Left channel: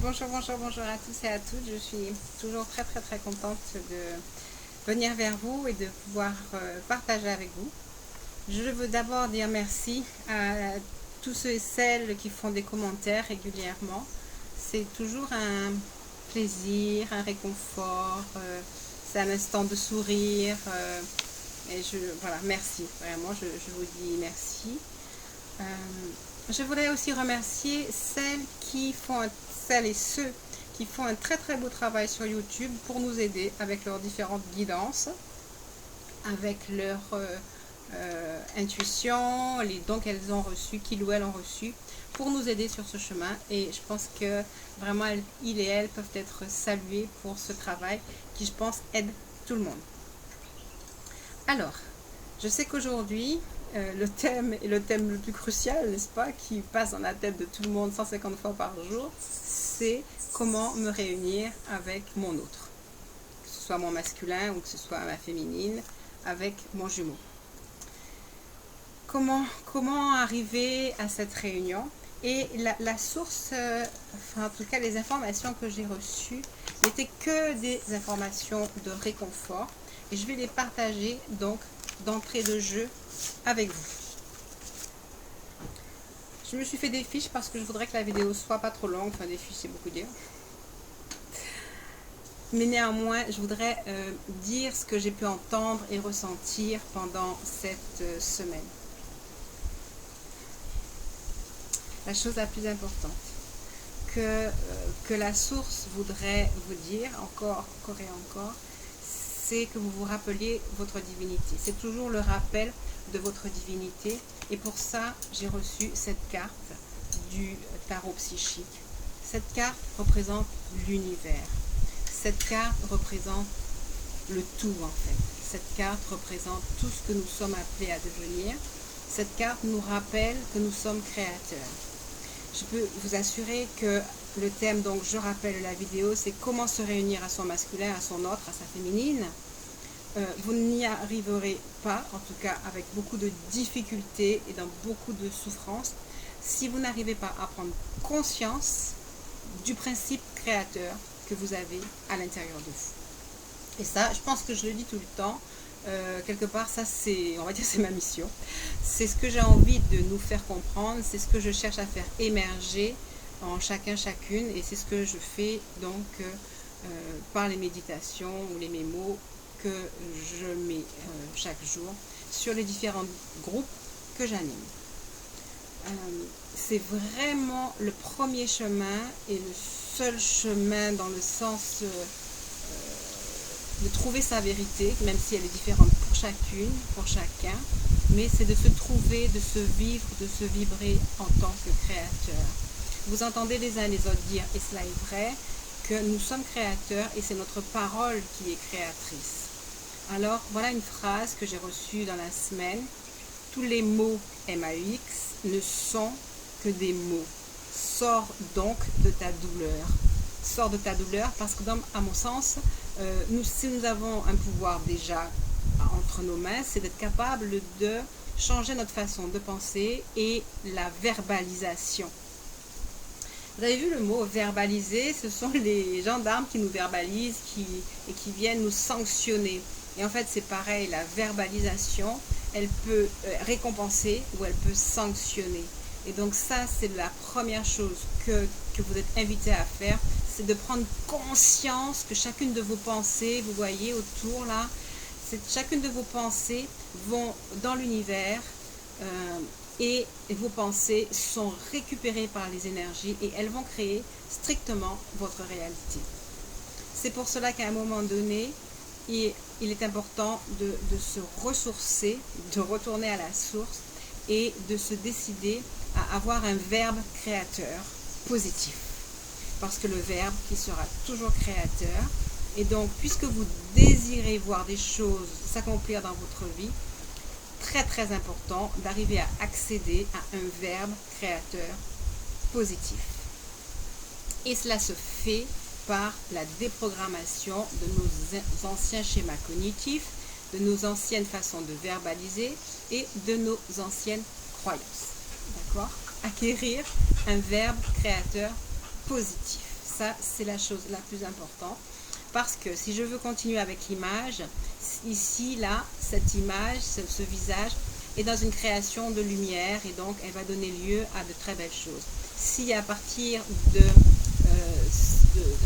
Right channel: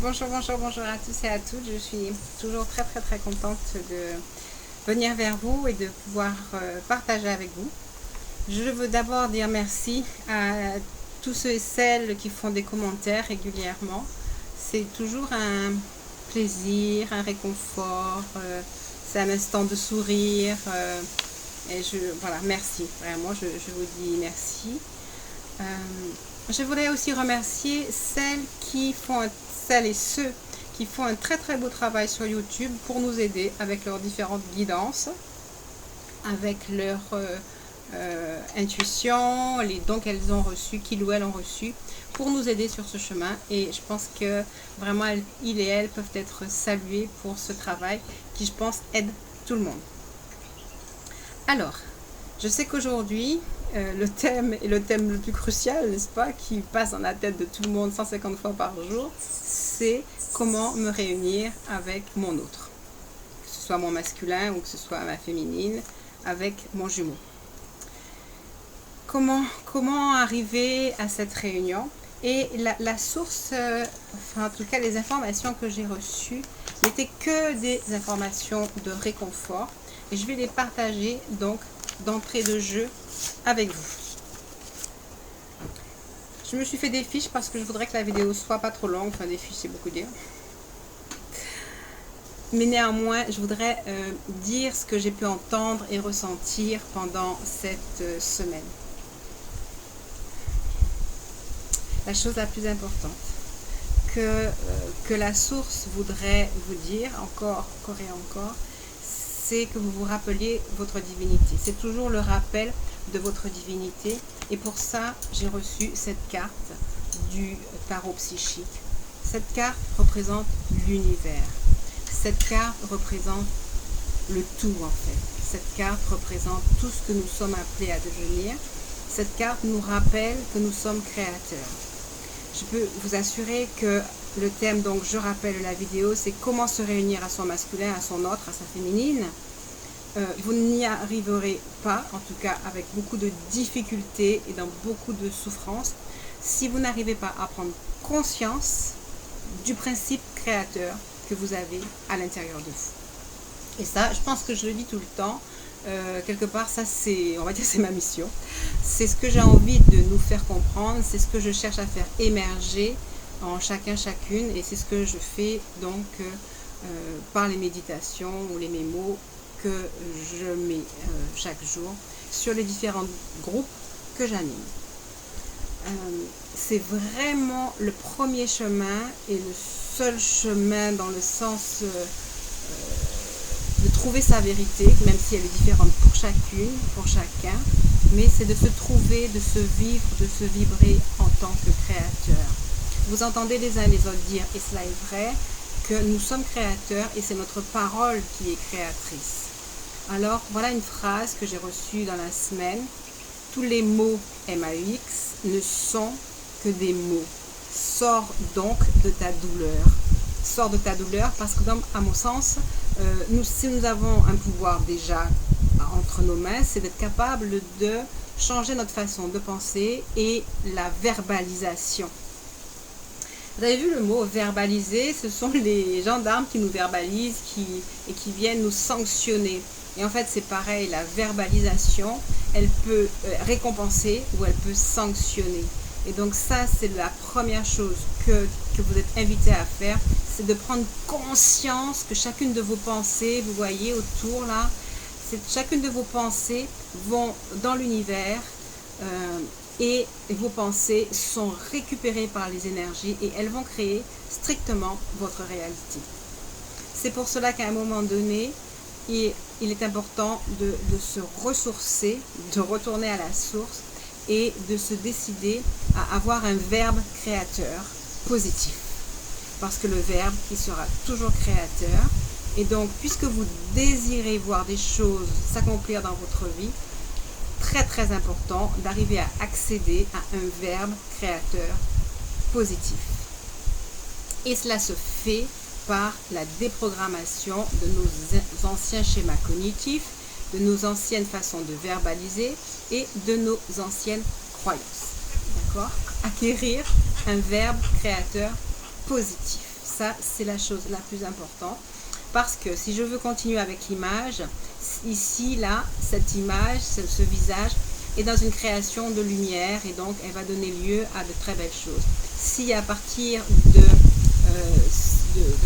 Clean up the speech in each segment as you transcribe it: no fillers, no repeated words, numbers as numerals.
Bonjour, bonjour, bonjour à tous et à toutes. Je suis toujours très contente de venir vers vous et de pouvoir partager avec vous. Je veux d'abord dire merci à tous ceux et celles qui font des commentaires régulièrement. C'est toujours un plaisir, un réconfort, c'est un instant de sourire. Et voilà, merci, vraiment, je vous dis merci. Je voudrais aussi remercier celles et ceux qui font un très beau travail sur YouTube pour nous aider avec leurs différentes guidances, avec leur intuition, les dons qu'elles ont reçus, qu'ils ou elles ont reçus, pour nous aider sur ce chemin. Et je pense que vraiment, ils et elles peuvent être salués pour ce travail qui, je pense, aide tout le monde. Alors, je sais qu'aujourd'hui, le thème est le thème le plus crucial, n'est-ce pas, qui passe dans la tête de tout le monde 150 fois par jour, c'est comment me réunir avec mon autre, que ce soit mon masculin ou que ce soit ma féminine, avec mon jumeau. Comment arriver à cette réunion? Et la source, enfin en tout cas les informations que j'ai reçues, n'étaient que des informations de réconfort, et je vais les partager donc d'entrée de jeu avec vous. Je me suis fait des fiches parce que je voudrais que la vidéo soit pas trop longue. Enfin, des fiches, c'est beaucoup dire. Mais néanmoins, je voudrais dire ce que j'ai pu entendre et ressentir pendant cette semaine. La chose la plus importante que la source voudrait vous dire, encore et encore, c'est que vous vous rappeliez votre divinité. C'est toujours le rappel de votre divinité. Et pour ça, j'ai reçu cette carte du tarot psychique. Cette carte représente l'univers. Cette carte représente le tout en fait. Cette carte représente tout ce que nous sommes appelés à devenir. Cette carte nous rappelle que nous sommes créateurs. Je peux vous assurer que le thème, donc je rappelle la vidéo, c'est comment se réunir à son masculin, à son autre, à sa féminine. Vous n'y arriverez pas, en tout cas avec beaucoup de difficultés et dans beaucoup de souffrances, si vous n'arrivez pas à prendre conscience du principe créateur que vous avez à l'intérieur de vous. Et ça, je pense que je le dis tout le temps, quelque part, ça c'est, on va dire, c'est ma mission. C'est ce que j'ai envie de nous faire comprendre, c'est ce que je cherche à faire émerger en chacun, chacune, et c'est ce que je fais donc par les méditations ou les mémos que je mets chaque jour sur les différents groupes que j'anime. C'est vraiment le premier chemin et le seul chemin dans le sens de trouver sa vérité, même si elle est différente pour chacune, pour chacun, mais c'est de se trouver, de se vivre, de se vibrer en tant que créateur. Vous entendez les uns et les autres dire, et cela est vrai, que nous sommes créateurs et c'est notre parole qui est créatrice. Alors, voilà une phrase que j'ai reçue dans la semaine. Tous les mots MAUX ne sont que des mots. Sors donc de ta douleur. Sors de ta douleur parce que, à mon sens, si nous avons un pouvoir déjà entre nos mains, c'est d'être capable de changer notre façon de penser et la verbalisation. Vous avez vu le mot verbaliser, ce sont les gendarmes qui nous verbalisent et qui viennent nous sanctionner. Et en fait, c'est pareil, la verbalisation, elle peut récompenser ou elle peut sanctionner. Et donc ça, c'est la première chose que vous êtes invité à faire, c'est de prendre conscience que chacune de vos pensées, vous voyez autour là, chacune de vos pensées vont dans l'univers et vos pensées sont récupérées par les énergies et elles vont créer strictement votre réalité. C'est pour cela qu'à un moment donné, il est important de se ressourcer, de retourner à la source et de se décider à avoir un verbe créateur positif. Parce que le verbe, il sera toujours créateur. Et donc, puisque vous désirez voir des choses s'accomplir dans votre vie, très important d'arriver à accéder à un verbe créateur positif. Et cela se fait par la déprogrammation de nos anciens schémas cognitifs, de nos anciennes façons de verbaliser et de nos anciennes croyances. D'accord? Acquérir un verbe créateur positif. Ça, c'est la chose la plus importante. Parce que si je veux continuer avec l'image, ici, là, cette image, ce visage est dans une création de lumière et donc elle va donner lieu à de très belles choses. Si à partir de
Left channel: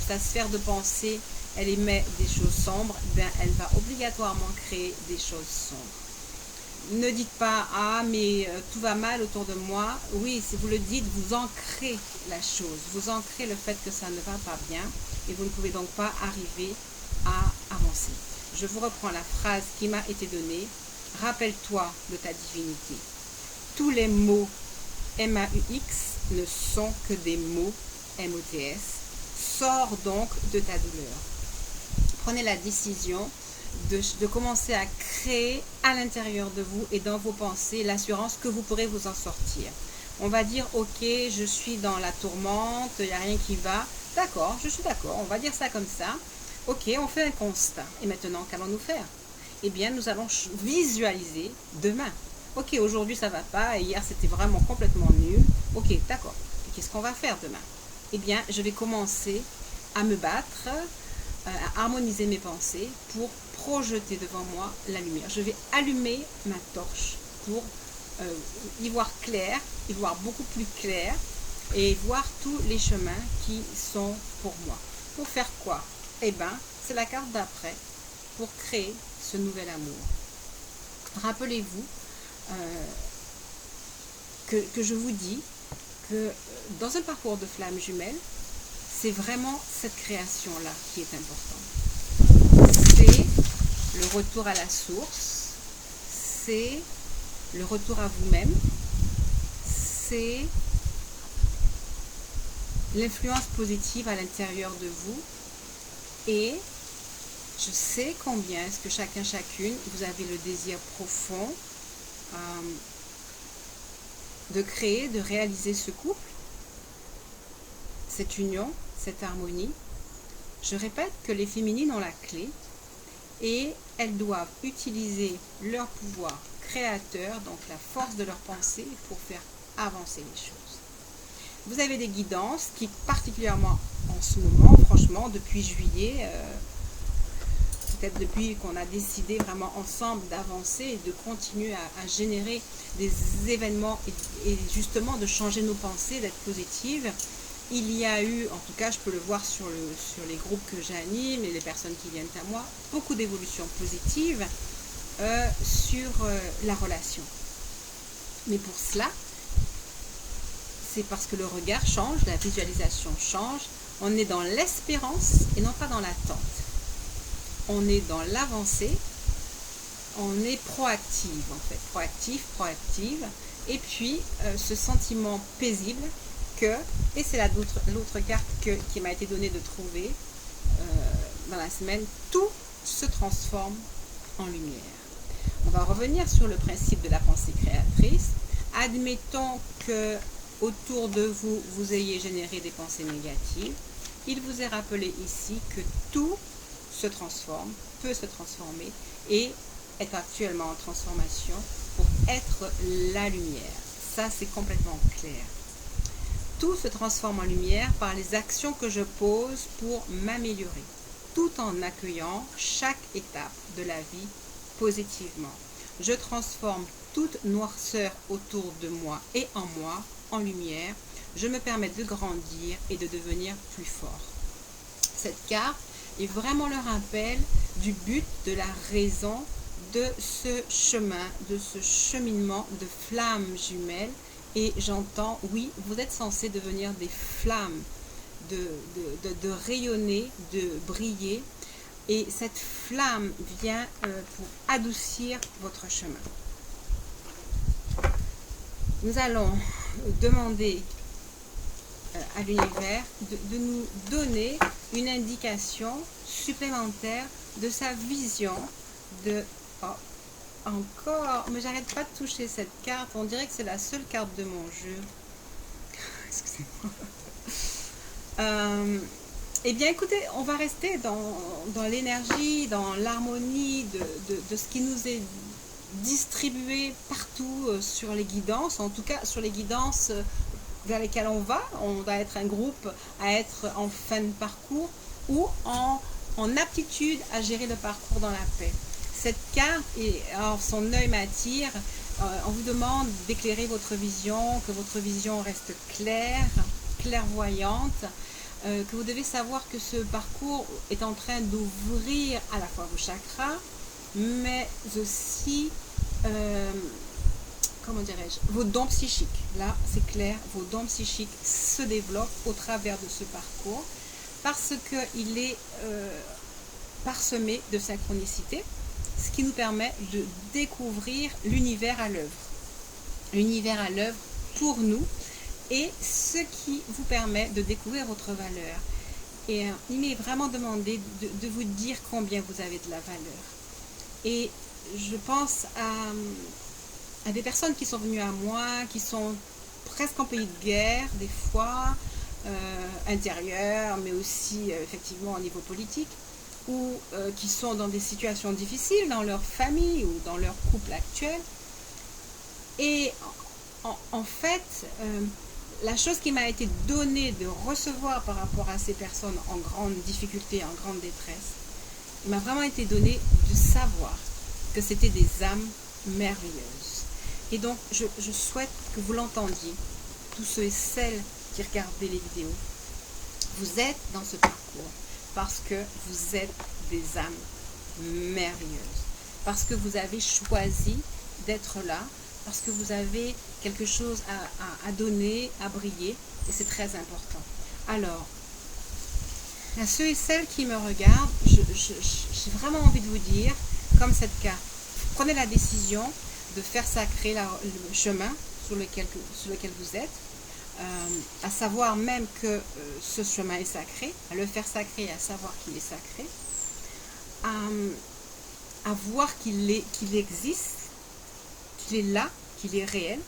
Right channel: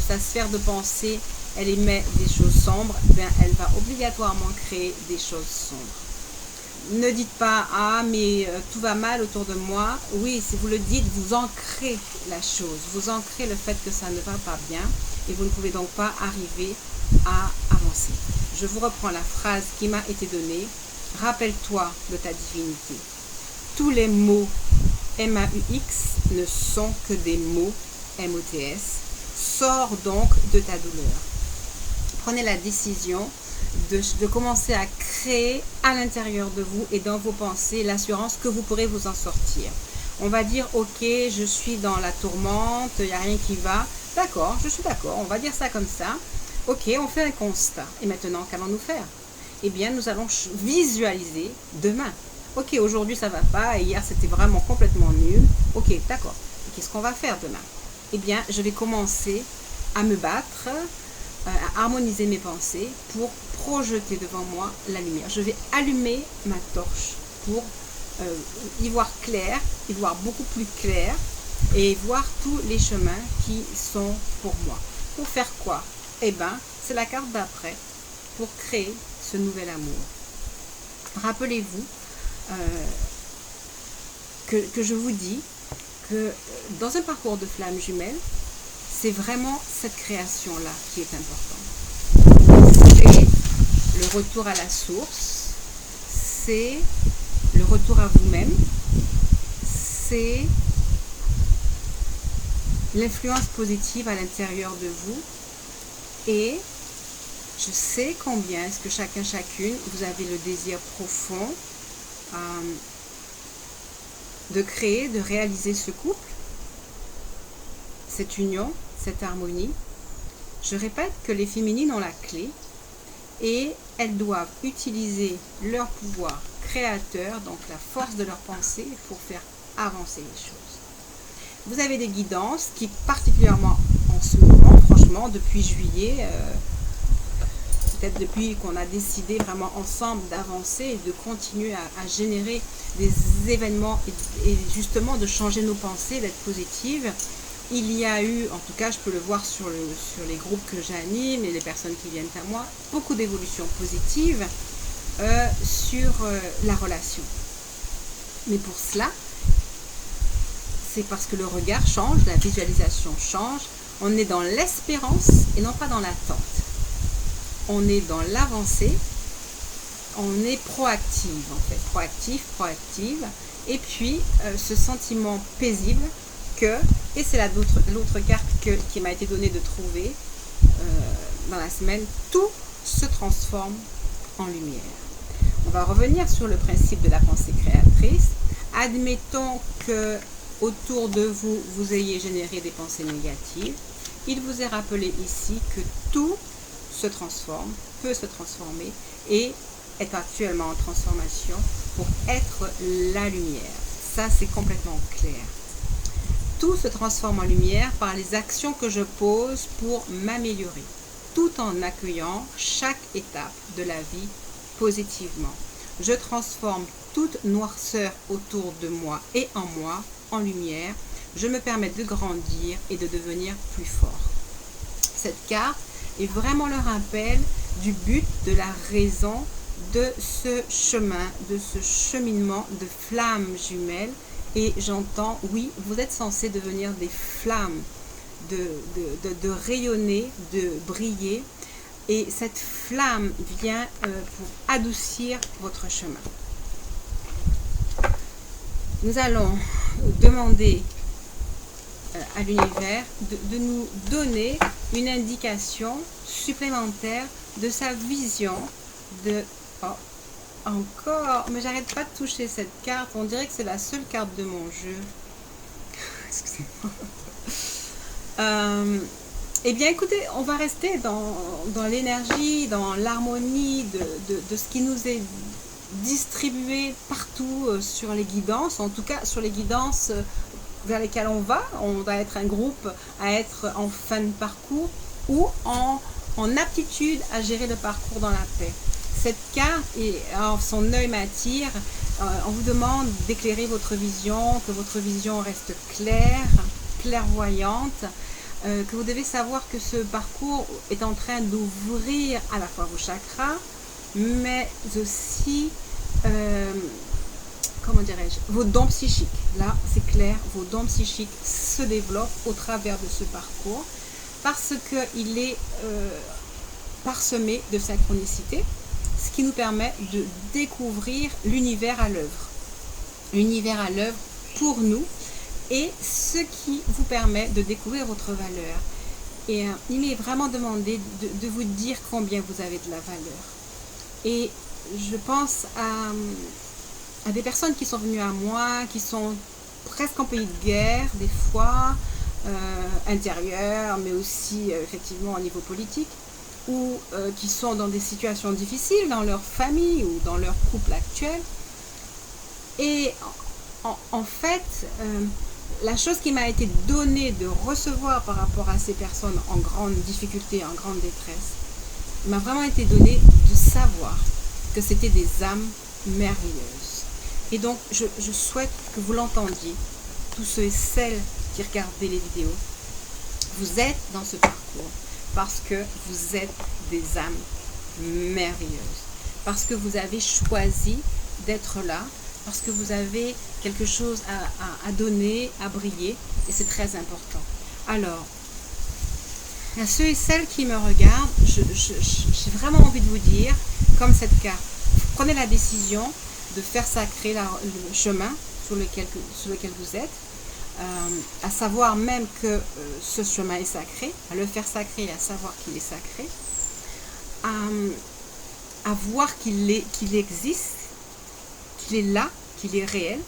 sa sphère de pensée, elle émet des choses sombres, ben, elle va obligatoirement créer des choses sombres. Ne dites pas « Ah, mais tout va mal autour de moi ». Oui, si vous le dites, vous ancrez la chose. Vous ancrez le fait que ça ne va pas bien et vous ne pouvez donc pas arriver à avancer. Je vous reprends la phrase qui m'a été donnée. Rappelle-toi de ta divinité. Tous les mots M-A-U-X ne sont que des mots M-O-T-S. Sors donc de ta douleur. Prenez la décision de commencer à créer à l'intérieur de vous et dans vos pensées l'assurance que vous pourrez vous en sortir. On va dire, ok, je suis dans la tourmente, il n'y a rien qui va. D'accord, je suis d'accord, on va dire ça comme ça. Ok, on fait un constat. Et maintenant, qu'allons-nous faire? Eh bien, nous allons visualiser demain. Ok, aujourd'hui ça va pas, et hier c'était vraiment complètement nul. Ok, d'accord. Et qu'est-ce qu'on va faire demain? Eh bien, je vais commencer à me battre, à harmoniser mes pensées pour projeter devant moi la lumière. Je vais allumer ma torche pour y voir clair, y voir beaucoup plus clair et voir tous les chemins qui sont pour moi. Pour faire quoi? Eh bien, c'est la carte d'après pour créer ce nouvel amour. Rappelez-vous que je vous dis que dans un parcours de flamme jumelle, c'est vraiment cette création-là qui est importante. C'est le retour à la source, c'est le retour à vous-même, c'est l'influence positive à l'intérieur de vous. Et je sais combien est-ce que chacun, chacune, vous avez le désir profond de créer, de réaliser ce couple, cette union, cette harmonie. Je répète que les féminines ont la clé et elles doivent utiliser leur pouvoir créateur, donc la force de leur pensée, pour faire avancer les choses. Vous avez des guidances qui, particulièrement en ce moment, franchement, depuis juillet, peut-être depuis qu'on a décidé vraiment ensemble d'avancer et de continuer à générer des événements et justement de changer nos pensées, d'être positives. Il y a eu, en tout cas je peux le voir sur les groupes que j'anime et les personnes qui viennent à moi, beaucoup d'évolutions positives sur la relation. Mais pour cela, c'est parce que le regard change, la visualisation change, on est dans l'espérance et non pas dans l'attente. On est dans l'avancée, on est proactive en fait, proactive, et puis ce sentiment paisible que, et c'est l'autre carte qui m'a été donnée de trouver dans la semaine, tout se transforme en lumière. On va revenir sur le principe de la pensée créatrice. Admettons que autour de vous, vous ayez généré des pensées négatives. Il vous est rappelé ici que tout se transforme, peut se transformer et est actuellement en transformation pour être la lumière. Ça, c'est complètement clair. Tout se transforme en lumière par les actions que je pose pour m'améliorer, tout en accueillant chaque étape de la vie positivement. Je transforme toute noirceur autour de moi et en moi en lumière. Je me permets de grandir et de devenir plus fort. Cette carte est vraiment le rappel du but, de la raison de ce chemin, de ce cheminement de flammes jumelles. Et j'entends, oui, vous êtes censés devenir des flammes, de rayonner, de briller. Et cette flamme vient pour adoucir votre chemin. Nous allons demander à l'univers de nous donner une indication supplémentaire de sa vision de... Oh, encore, mais j'arrête pas de toucher cette carte, on dirait que c'est la seule carte de mon jeu. Excusez-moi. Eh bien écoutez, on va rester dans l'énergie, dans l'harmonie de ce qui nous est distribué partout sur les guidances, en tout cas sur les guidances vers lesquels on va être un groupe à être en fin de parcours ou en aptitude à gérer le parcours dans la paix. Cette carte, son œil m'attire, on vous demande d'éclairer votre vision, que votre vision reste claire, clairvoyante, que vous devez savoir que ce parcours est en train d'ouvrir à la fois vos chakras, mais aussi, comment dirais-je, vos dons psychiques. Là, c'est clair, vos dons psychiques se développent au travers de ce parcours parce qu'il est parsemé de synchronicité, ce qui nous permet de découvrir l'univers à l'œuvre. L'univers à l'œuvre pour nous et ce qui vous permet de découvrir votre valeur. Et il m'est vraiment demandé de vous dire combien vous avez de la valeur. Et je pense à des personnes qui sont venues à moi, qui sont presque en pays de guerre, des fois, intérieure, mais aussi effectivement au niveau politique, ou qui sont dans des situations difficiles dans leur famille ou dans leur couple actuel. Et en fait, la chose qui m'a été donnée de recevoir par rapport à ces personnes en grande difficulté, en grande détresse, m'a vraiment été donnée de savoir que c'était des âmes merveilleuses. Et donc, je souhaite que vous l'entendiez, tous ceux et celles qui regardez les vidéos. Vous êtes dans ce parcours parce que vous êtes des âmes merveilleuses, parce que vous avez choisi d'être là, parce que vous avez quelque chose à donner, à briller, et c'est très important. Alors, à ceux et celles qui me regardent, j'ai vraiment envie de vous dire, comme cette carte, prenez la décision de faire sacrer le chemin sur lequel vous êtes, à savoir même que ce chemin est sacré, à le faire sacré, à savoir qu'il est sacré, à voir qu'il existe, qu'il est là, qu'il est réel.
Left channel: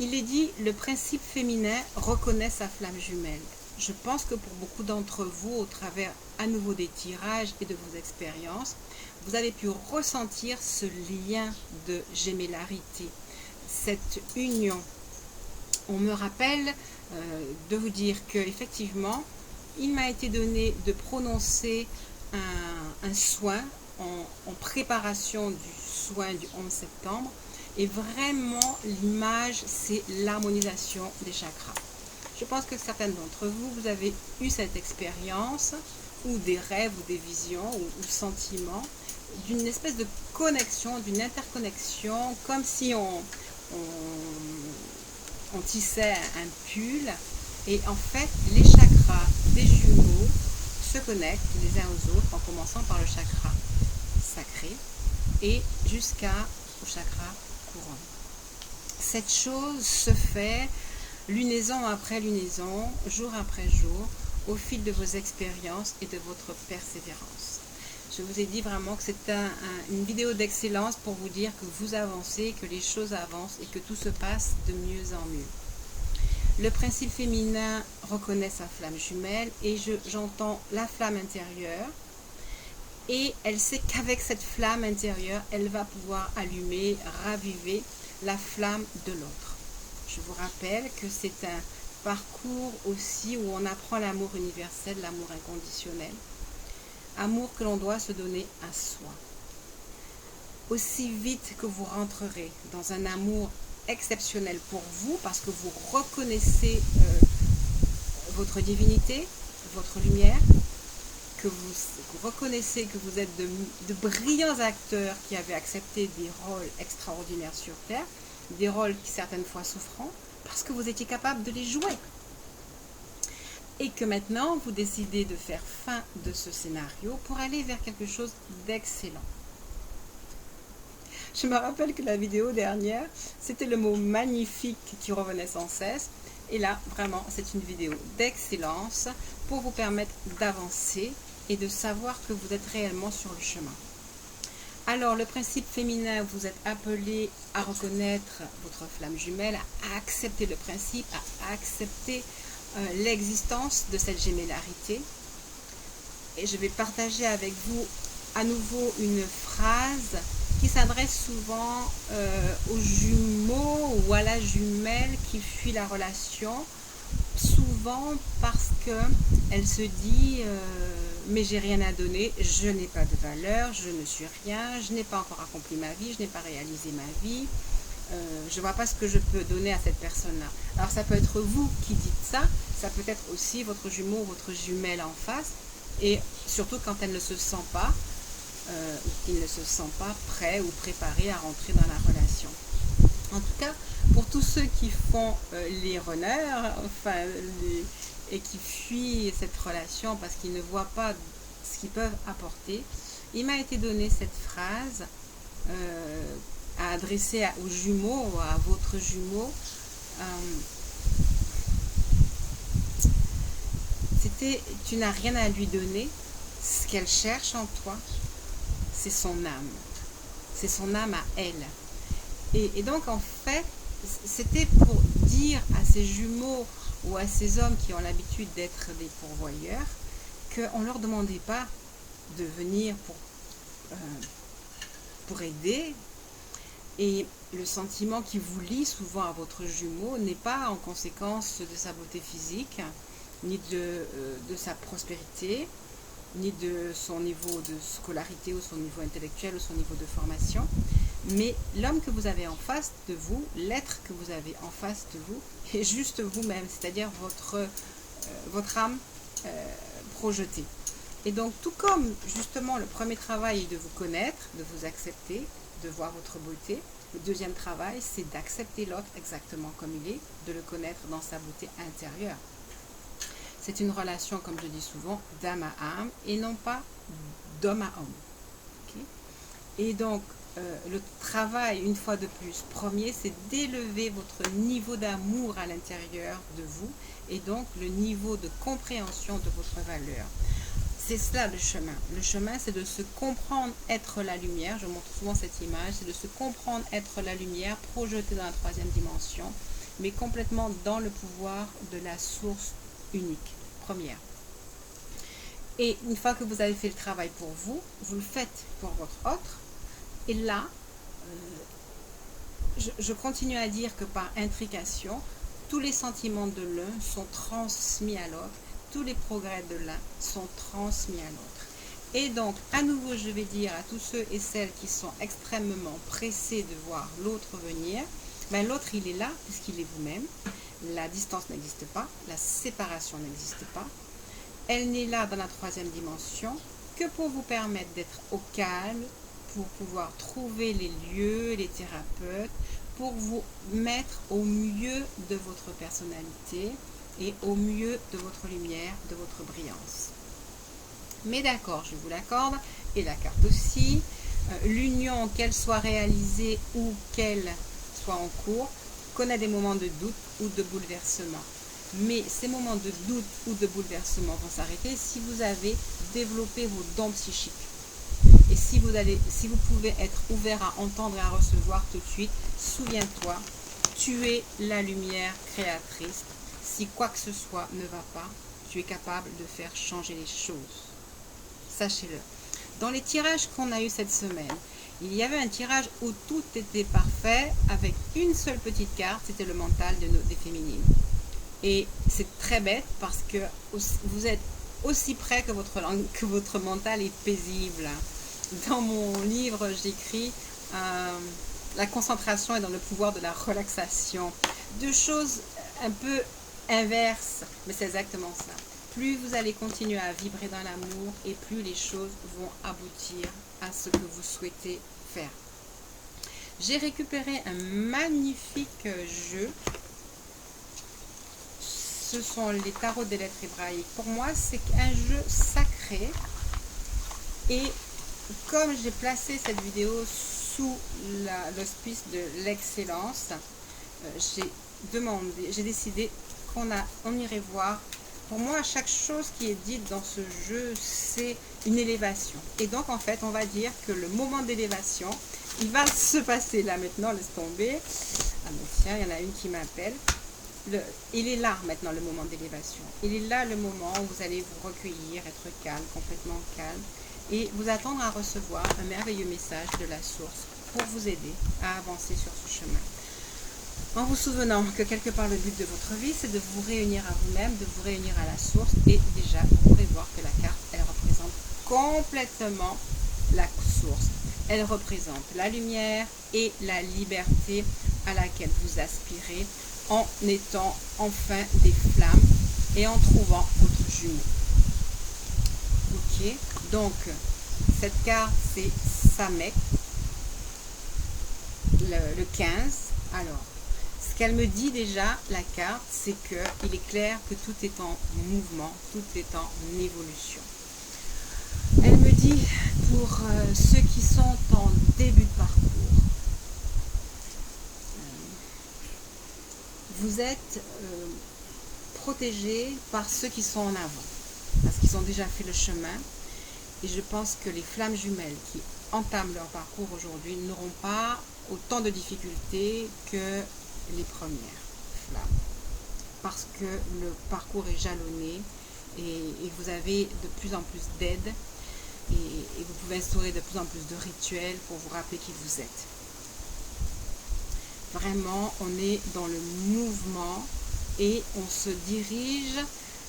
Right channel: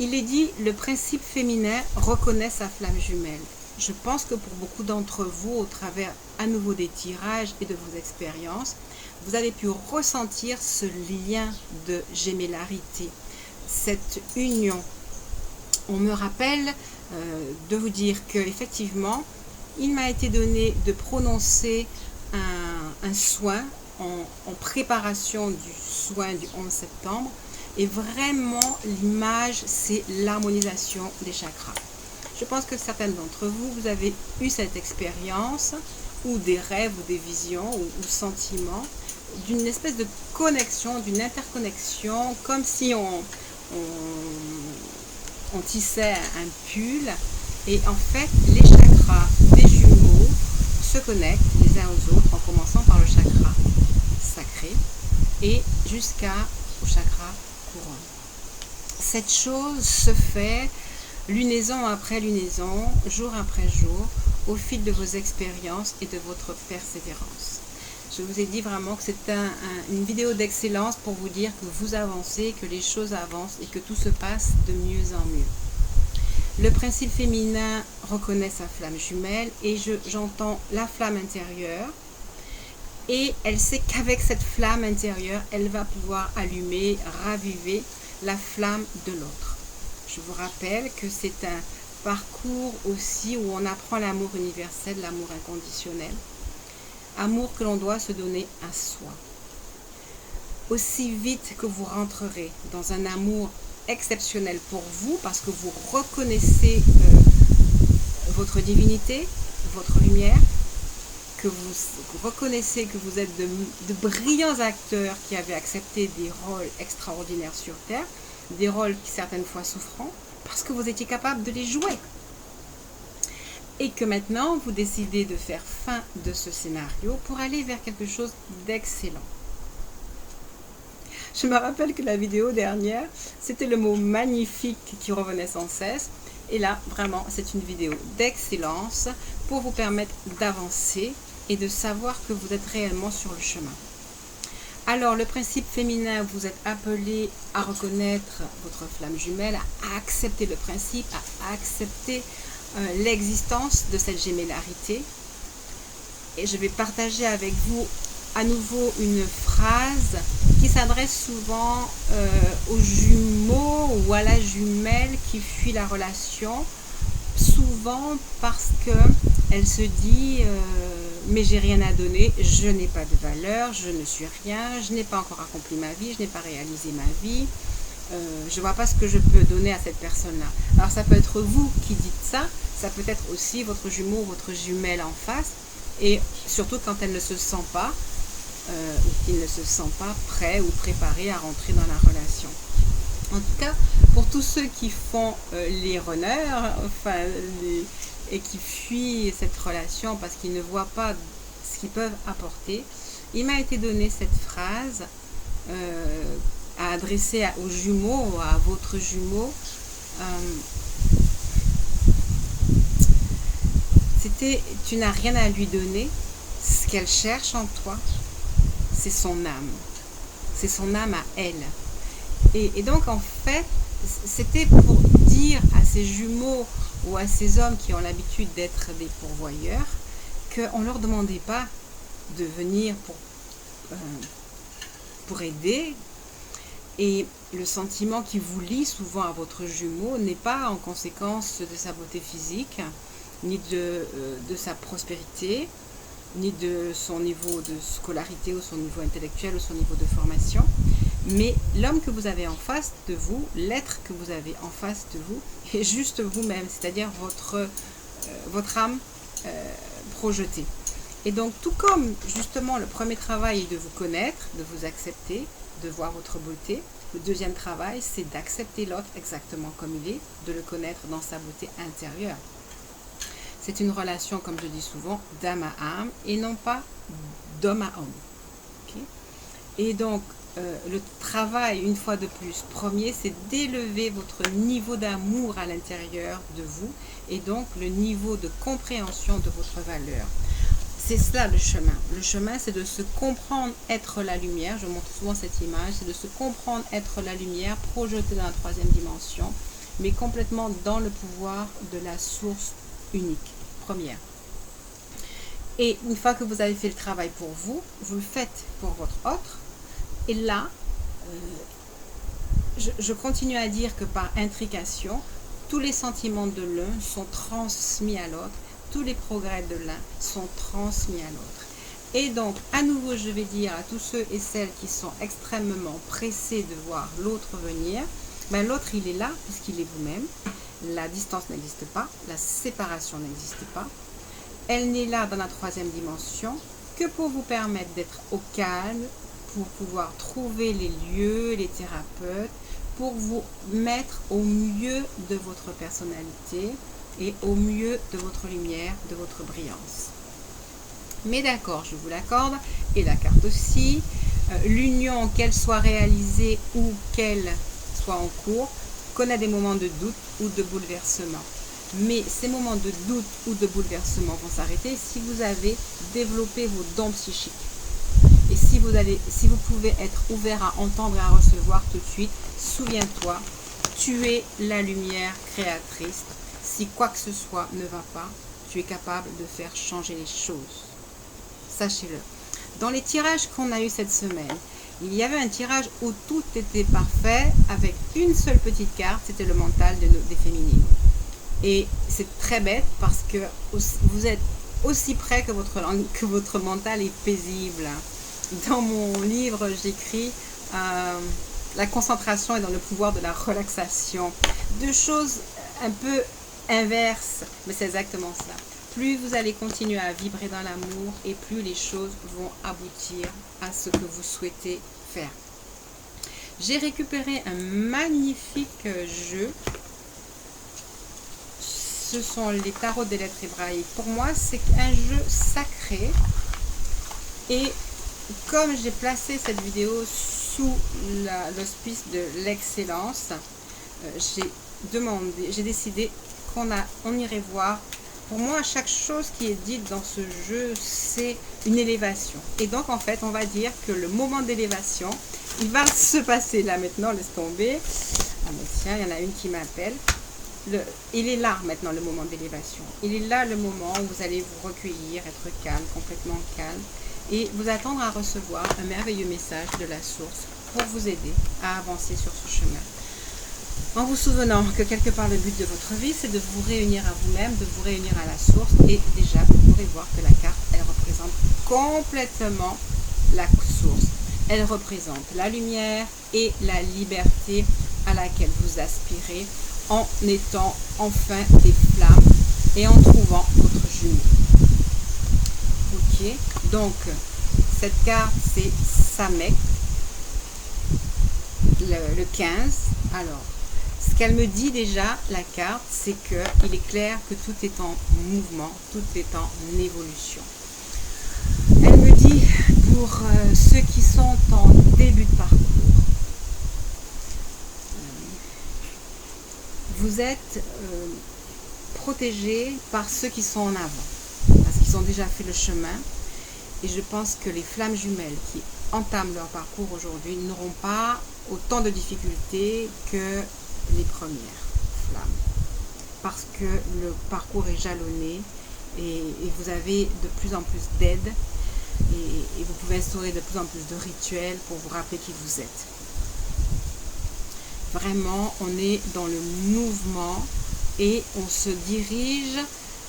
Il est dit, le principe féminin reconnaît sa flamme jumelle. Je pense que pour beaucoup d'entre vous, au travers à nouveau des tirages et de vos expériences, vous avez pu ressentir ce lien de gémellarité, cette union. On me rappelle de vous dire que effectivement, il m'a été donné de prononcer un soin en préparation du soin du 11 septembre. Et vraiment, l'image, c'est l'harmonisation des chakras. Je pense que certaines d'entre vous, vous avez eu cette expérience, ou des rêves, ou des visions, ou sentiments, d'une espèce de connexion, d'une interconnexion, comme si on tissait un pull. Et en fait, les chakras des jumeaux se connectent les uns aux autres, en commençant par le chakra sacré, et jusqu'au chakra couronne. Cette chose se fait lunaison après lunaison, jour après jour, au fil de vos expériences et de votre persévérance. Je vous ai dit vraiment que c'est une vidéo d'excellence pour vous dire que vous avancez, que les choses avancent et que tout se passe de mieux en mieux. Le principe féminin reconnaît sa flamme jumelle et j'entends la flamme intérieure. Et elle sait qu'avec cette flamme intérieure, elle va pouvoir allumer, raviver la flamme de l'autre. Je vous rappelle que c'est un parcours aussi où on apprend l'amour universel, l'amour inconditionnel. Amour que l'on doit se donner à soi. Aussi vite que vous rentrerez dans un amour exceptionnel pour vous, parce que vous reconnaissez votre divinité, votre lumière, que vous reconnaissez que vous êtes de brillants acteurs qui avez accepté des rôles extraordinaires sur Terre, des rôles qui certaines fois souffrants, parce que vous étiez capable de les jouer. Et que maintenant, vous décidez de faire fin de ce scénario pour aller vers quelque chose d'excellent. Je me rappelle que la vidéo dernière, c'était le mot magnifique qui revenait sans cesse. Et là, vraiment, c'est une vidéo d'excellence pour vous permettre d'avancer et de savoir que vous êtes réellement sur le chemin. Alors, le principe féminin, vous êtes appelé à reconnaître votre flamme jumelle, à accepter le principe, à accepter l'existence de cette gémellarité. Et je vais partager avec vous à nouveau une phrase qui s'adresse souvent aux jumeaux ou à la jumelle qui fuit la relation, souvent parce que elle se dit mais j'ai rien à donner, je n'ai pas de valeur, je ne suis rien, je n'ai pas encore accompli ma vie, je n'ai pas réalisé ma vie, je ne vois pas ce que je peux donner à cette personne-là. Alors ça peut être vous qui dites ça, ça peut être aussi votre jumeau ou votre jumelle en face, et surtout quand elle ne se sent pas, ou qu'il ne se sent pas prêt ou préparé à rentrer dans la relation. En tout cas, pour tous ceux qui font les runners, et qui fuient cette relation parce qu'ils ne voient pas ce qu'ils peuvent apporter, il m'a été donné cette phrase à adresser aux jumeaux, à votre jumeau. C'était « Tu n'as rien à lui donner, ce qu'elle cherche en toi, c'est son âme. C'est son âme à elle. » Et donc, en fait, c'était pour dire à ces jumeaux ou à ces hommes qui ont l'habitude d'être des pourvoyeurs qu'on ne leur demandait pas de venir pour aider. Et le sentiment qui vous lie souvent à votre jumeau n'est pas en conséquence de sa beauté physique, ni de sa prospérité, ni de son niveau de scolarité ou son niveau intellectuel ou son niveau de formation, mais l'homme que vous avez en face de vous, l'être que vous avez en face de vous, est juste vous-même, c'est-à-dire votre âme projetée. Et donc, tout comme justement le premier travail est de vous connaître, de vous accepter, de voir votre beauté, le deuxième travail, c'est d'accepter l'autre exactement comme il est, de le connaître dans sa beauté intérieure. C'est une relation, comme je dis souvent, d'âme à âme et non pas d'homme à homme. Okay? Et donc, le travail, une fois de plus, premier, c'est d'élever votre niveau d'amour à l'intérieur de vous et donc le niveau de compréhension de votre valeur. C'est cela le chemin. Le chemin, c'est de se comprendre être la lumière. Je montre souvent cette image. C'est de se comprendre être la lumière projetée dans la troisième dimension, mais complètement dans le pouvoir de la source unique, première. Et une fois que vous avez fait le travail pour vous, vous le faites pour votre autre. Et là, je continue à dire que par intrication, tous les sentiments de l'un sont transmis à l'autre, tous les progrès de l'un sont transmis à l'autre. Et donc, à nouveau, je vais dire à tous ceux et celles qui sont extrêmement pressés de voir l'autre venir, ben l'autre, il est là, puisqu'il est vous-même. La distance n'existe pas, la séparation n'existe pas. Elle n'est là dans la troisième dimension que pour vous permettre d'être au calme, pour pouvoir trouver les lieux, les thérapeutes, pour vous mettre au mieux de votre personnalité et au mieux de votre lumière, de votre brillance. Mais d'accord, je vous l'accorde, et la carte aussi, l'union, qu'elle soit réalisée ou qu'elle soit en cours, connaît des moments de doute ou de bouleversement. Mais ces moments de doute ou de bouleversement vont s'arrêter si vous avez développé vos dons psychiques. Et si vous pouvez être ouvert à entendre et à recevoir tout de suite, souviens-toi, tu es la lumière créatrice. Si quoi que ce soit ne va pas, tu es capable de faire changer les choses. Sachez-le. Dans les tirages qu'on a eu cette semaine, il y avait un tirage où tout était parfait avec une seule petite carte, c'était le mental des féminines. Et c'est très bête parce que vous êtes aussi près que votre mental est paisible. Dans mon livre, j'écris la concentration est dans le pouvoir de la relaxation. Deux choses un peu inverses, mais c'est exactement ça. Plus vous allez continuer à vibrer dans l'amour et plus les choses vont aboutir à ce que vous souhaitez faire. J'ai récupéré un magnifique jeu. Ce sont les tarots des lettres hébraïques. Pour moi, c'est un jeu sacré. Et comme j'ai placé cette vidéo sous l'auspice de l'excellence, j'ai décidé qu'on irait voir. Pour moi, chaque chose qui est dite dans ce jeu, c'est une élévation. Et donc, en fait, on va dire que le moment d'élévation, il va se passer là maintenant, laisse tomber. Ah mais tiens, il y en a une qui m'appelle. Il est là maintenant le moment d'élévation. Il est là le moment où vous allez vous recueillir, être calme, complètement calme. et vous attendre à recevoir un merveilleux message de la source pour vous aider à avancer sur ce chemin. En vous souvenant que quelque part le but de votre vie, c'est de vous réunir à vous-même, de vous réunir à la source. Et déjà, vous pourrez voir que la carte, elle représente complètement la source. Elle représente la lumière et la liberté à laquelle vous aspirez en étant enfin des flammes et en trouvant votre jumeau. Ok, donc cette carte, c'est Samek, le 15. Alors, ce qu'elle me dit déjà, la carte, c'est qu'il est clair que tout est en mouvement, tout est en évolution. Elle me dit, pour ceux qui sont en début de parcours, vous êtes protégés par ceux qui sont en avant, parce qu'ils ont déjà fait le chemin. Et je pense que les flammes jumelles qui entament leur parcours aujourd'hui n'auront pas autant de difficultés que les premières flammes, parce que le parcours est jalonné et vous avez de plus en plus d'aide et vous pouvez instaurer de plus en plus de rituels pour vous rappeler qui vous êtes. Vraiment, on est dans le mouvement et on se dirige,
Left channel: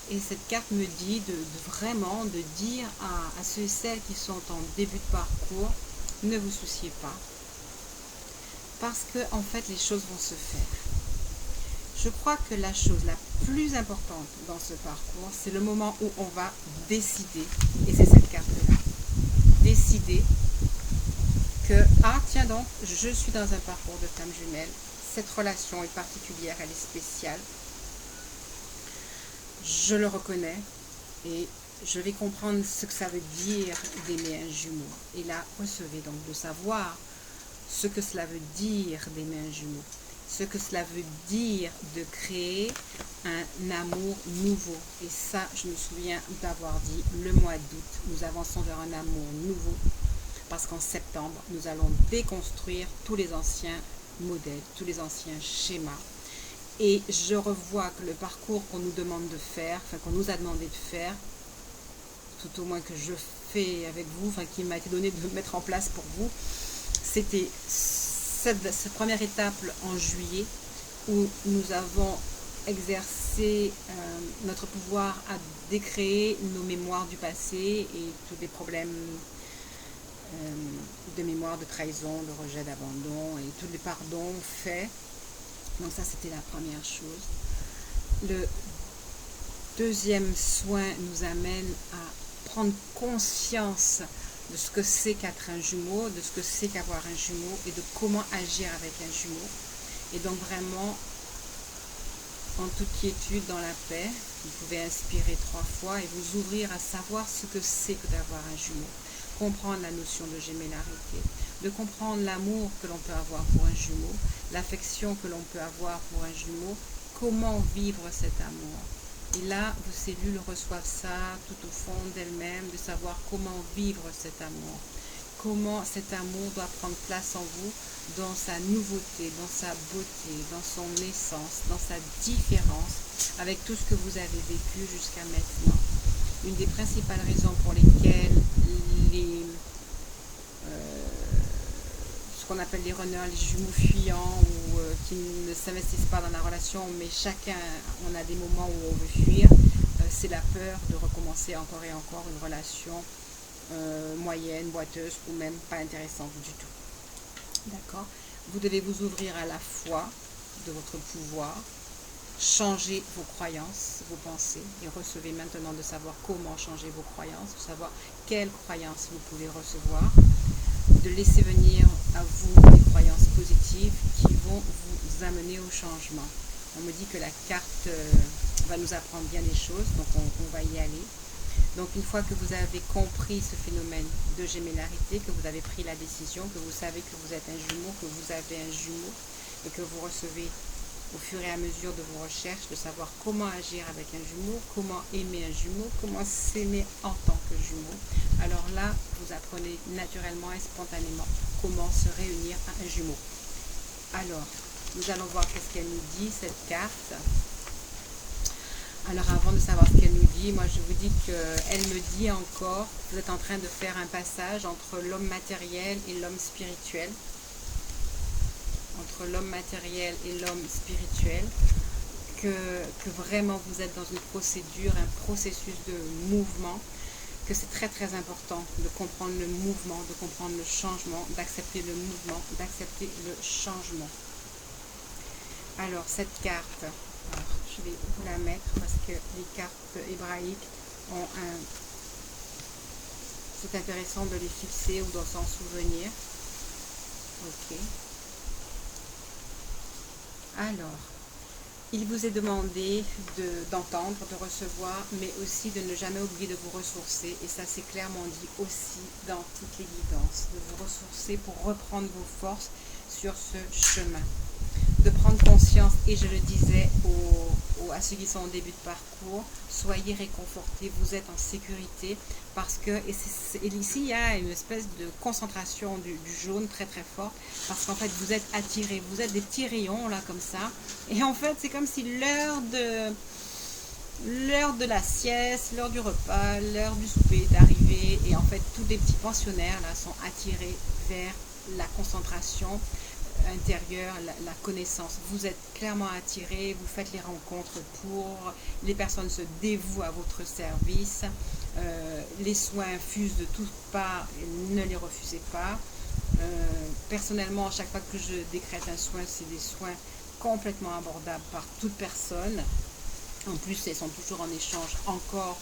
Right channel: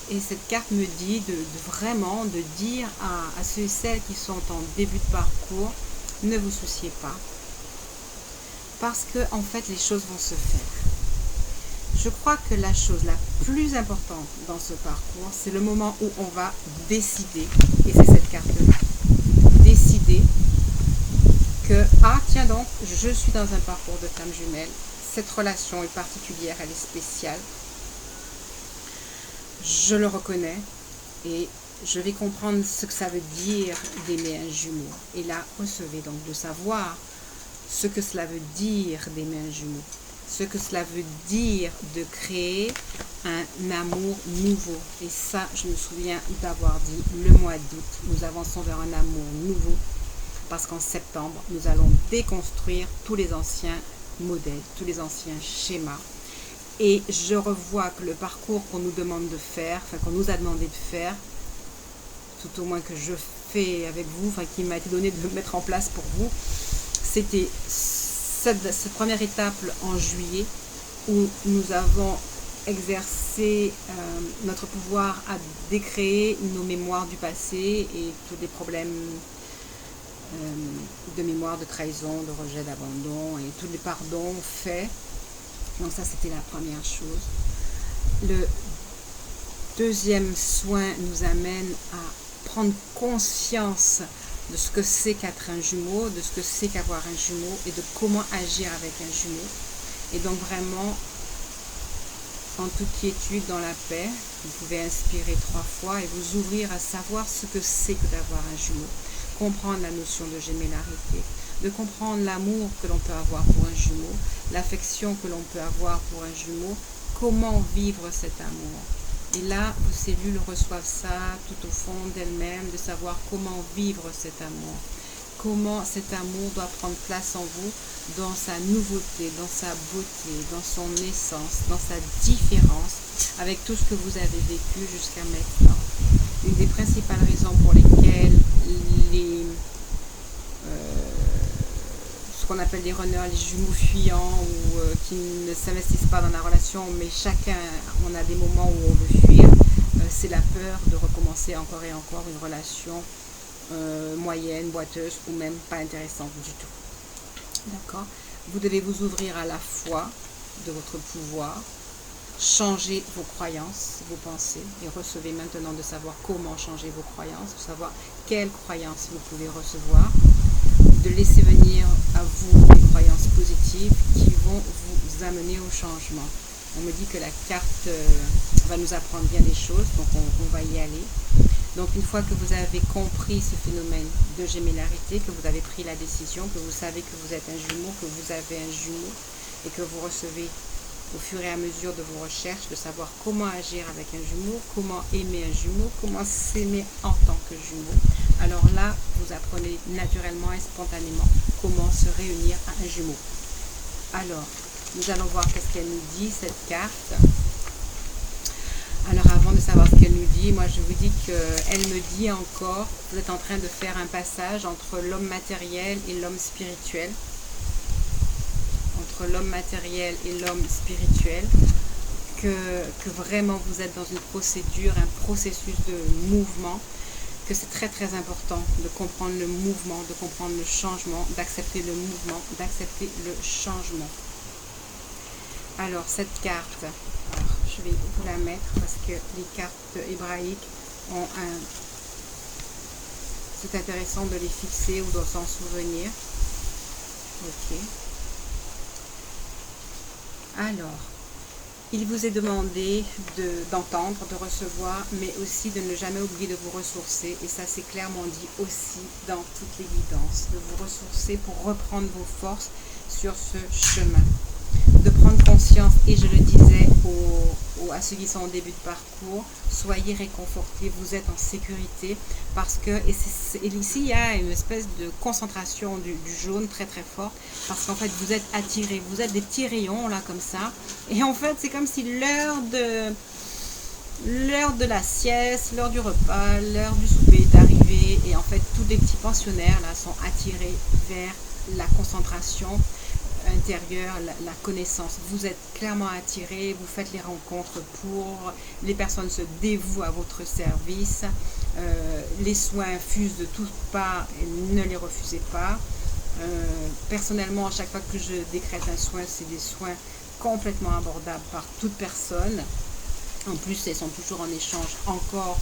et cette carte me dit vraiment de dire à ceux et celles qui sont en début de parcours, ne vous souciez pas, parce que en fait les choses vont se faire. Je crois que la chose la plus importante dans ce parcours, c'est le moment où on va décider, et c'est cette carte-là, décider que, ah tiens donc, je suis dans un parcours de flamme jumelle, cette relation est particulière, elle est spéciale, je le reconnais, et je vais comprendre ce que ça veut dire d'aimer un jumeau. Et là, recevez donc de savoir ce que cela veut dire d'aimer un jumeau, ce que cela veut dire de créer un amour nouveau. Et ça, je me souviens d'avoir dit le mois d'août, nous avançons vers un amour nouveau, parce qu'en septembre, nous allons déconstruire tous les anciens modèles, tous les anciens schémas. Et je revois que le parcours qu'on nous demande de faire, enfin qu'on nous a demandé de faire, tout au moins que je fais avec vous, enfin qui m'a été donné de mettre en place pour vous, c'était cette première étape en juillet où nous avons exercé notre pouvoir à décréer nos mémoires du passé et tous les problèmes de mémoire, de trahison, de rejet, d'abandon et tous les pardons faits. Donc ça, c'était la première chose. Le deuxième soin nous amène à prendre conscience de ce que c'est qu'être un jumeau, de ce que c'est qu'avoir un jumeau et de comment agir avec un jumeau. Et donc vraiment, en toute quiétude, dans la paix, vous pouvez inspirer 3 fois et vous ouvrir à savoir ce que c'est que d'avoir un jumeau. Comprendre la notion de gémellarité, de comprendre l'amour que l'on peut avoir pour un jumeau, l'affection que l'on peut avoir pour un jumeau, comment vivre cet amour. Et là, vos cellules reçoivent ça tout au fond d'elles-mêmes, de savoir comment vivre cet amour, comment cet amour doit prendre place en vous, dans sa nouveauté, dans sa beauté, dans son essence, dans sa différence, avec tout ce que vous avez vécu jusqu'à maintenant. Une des principales raisons pour lesquelles ce qu'on appelle les runners, les jumeaux fuyants ou qui ne s'investissent pas dans la relation, mais chacun, on a des moments où on veut fuir, c'est la peur de recommencer encore et encore une relation moyenne, boiteuse ou même pas intéressante du tout. D'accord ? Vous devez vous ouvrir à la foi de votre pouvoir, changer vos croyances, vos pensées, et recevez maintenant de savoir comment changer vos croyances, de savoir quelles croyances vous pouvez recevoir, de laisser venir à vous les croyances positives qui vont vous amener au changement. On me dit que la carte va nous apprendre bien des choses, donc on va y aller. Donc une fois que vous avez compris ce phénomène de gémellarité, que vous avez pris la décision, que vous savez que vous êtes un jumeau, que vous avez un jumeau, et que vous recevez au fur et à mesure de vos recherches, de savoir comment agir avec un jumeau, comment aimer un jumeau, comment s'aimer en tant que jumeau. Alors là, vous apprenez naturellement et spontanément comment se réunir à un jumeau. Alors, nous allons voir qu'est-ce qu'elle nous dit, cette carte. Alors avant de savoir ce qu'elle nous dit, moi je vous dis qu'elle me dit encore, vous êtes en train de faire un passage entre l'homme matériel et l'homme spirituel. Entre l'homme matériel et l'homme spirituel. Que vraiment vous êtes dans une procédure, un processus de mouvement, que c'est très très important de comprendre le mouvement, de comprendre le changement, d'accepter le mouvement, d'accepter le changement. Alors cette carte, alors, je vais vous la mettre parce que les cartes hébraïques ont un... C'est intéressant de les fixer ou de s'en souvenir. Ok. Alors, il vous est demandé d'entendre, de recevoir, mais aussi de ne jamais oublier de vous ressourcer. Et ça, c'est clairement dit aussi dans toutes les guidances. De vous ressourcer pour reprendre vos forces sur ce chemin. De prendre conscience, et je le disais à ceux qui sont au début de parcours, soyez réconfortés, vous êtes en sécurité, parce que, et ici il y a une espèce de concentration du jaune très très forte, parce qu'en fait vous êtes attirés, vous êtes des petits rayons là comme ça, et en fait c'est comme si l'heure de la sieste, l'heure du repas, l'heure du souper est arrivée, et en fait tous les petits pensionnaires là sont attirés vers la concentration intérieure, la connaissance. Vous êtes clairement attiré, vous faites les rencontres pour, les personnes se dévouent à votre service, les soins fusent de toutes parts, ne les refusez pas. Personnellement, à chaque fois que je décrète un soin, c'est des soins complètement abordables par toute personne. En plus, elles sont toujours en échange encore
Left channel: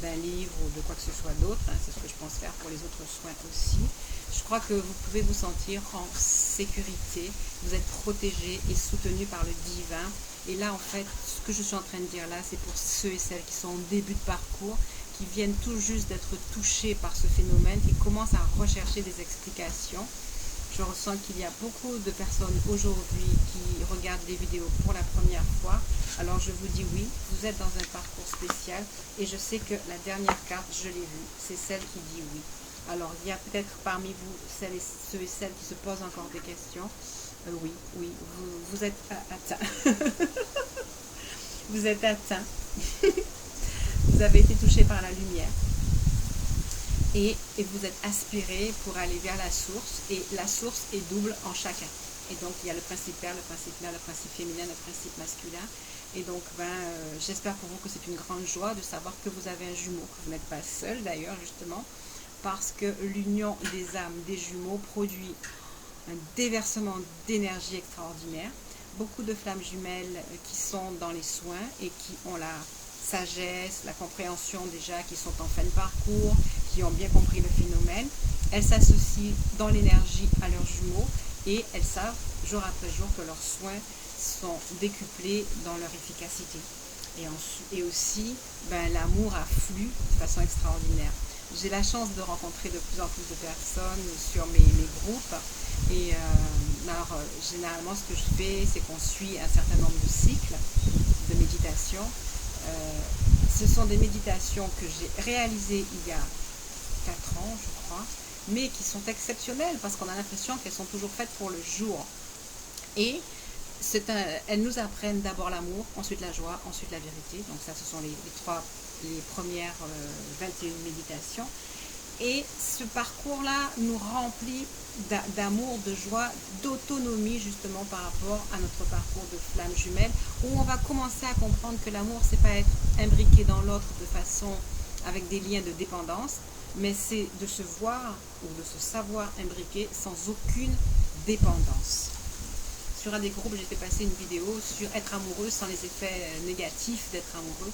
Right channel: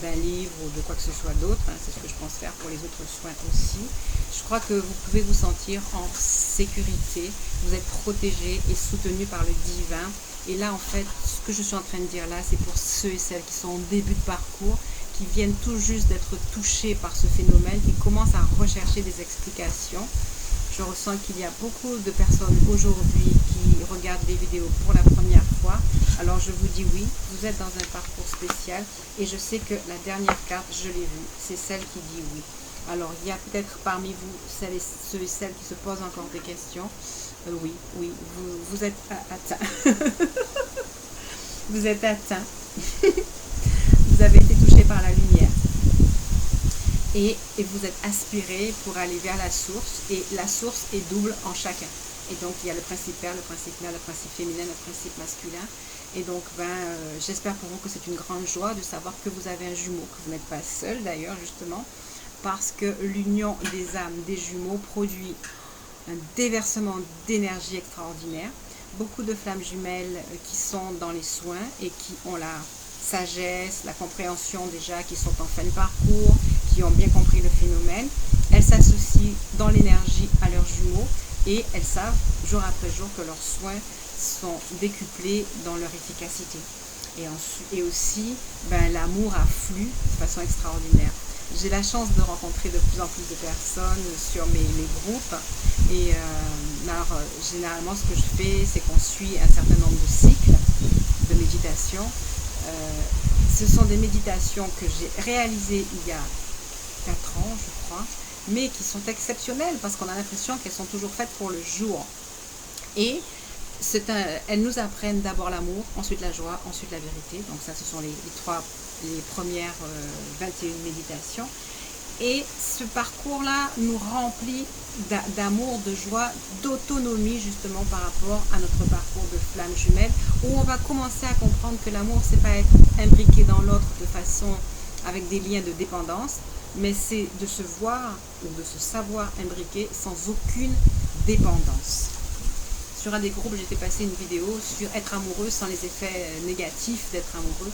d'un livre ou de quoi que ce soit d'autre. C'est ce que je pense faire pour les autres soins aussi. Je crois que vous pouvez vous sentir en sécurité, vous êtes protégé et soutenu par le divin. Et là, en fait, ce que je suis en train de dire là, c'est pour ceux et celles qui sont au début de parcours, qui viennent tout juste d'être touchés par ce phénomène, qui commencent à rechercher des explications. Je ressens qu'il y a beaucoup de personnes aujourd'hui qui regardent les vidéos pour la première fois. Alors je vous dis oui, vous êtes dans un parcours spécial et je sais que la dernière carte, je l'ai vue, c'est celle qui dit oui. Alors il y a peut-être parmi vous ceux et celles qui se posent encore des questions. Oui, vous êtes atteint. Vous êtes atteint. Vous avez été touché par la lumière. Et vous êtes aspiré pour aller vers la source, et la source est double en chacun. Et donc il y a le principe père, le principe mère, le principe féminin, le principe masculin. Et donc j'espère pour vous que c'est une grande joie de savoir que vous avez un jumeau, que vous n'êtes pas seul d'ailleurs justement, parce que l'union des âmes des jumeaux produit un déversement d'énergie extraordinaire. Beaucoup de flammes jumelles qui sont dans les soins et qui ont la sagesse, la compréhension déjà, qui sont en fin de parcours, qui ont bien compris le phénomène, elles s'associent dans l'énergie à leurs jumeaux et elles savent jour après jour que leurs soins sont décuplés dans leur efficacité. Et aussi, l'amour afflue de façon extraordinaire. J'ai la chance de rencontrer de plus en plus de personnes sur mes groupes. Et alors, généralement, ce que je fais, c'est qu'on suit un certain nombre de cycles de méditation. Ce sont des méditations que j'ai réalisées il y a 4 ans, je crois, mais qui sont exceptionnelles parce qu'on a l'impression qu'elles sont toujours faites pour le jour. Et elles nous apprennent d'abord l'amour, ensuite la joie, ensuite la vérité. Donc ça, ce sont les premières 21 méditations. Et ce parcours-là nous remplit d'amour, de joie, d'autonomie justement par rapport à notre parcours de flamme jumelle, où on va commencer à comprendre que l'amour, c'est pas être imbriqué dans l'autre de façon avec des liens de dépendance, mais c'est de se voir ou de se savoir imbriqué sans aucune dépendance. Sur un des groupes, j'ai fait passer une vidéo sur être amoureux sans les effets négatifs d'être amoureux.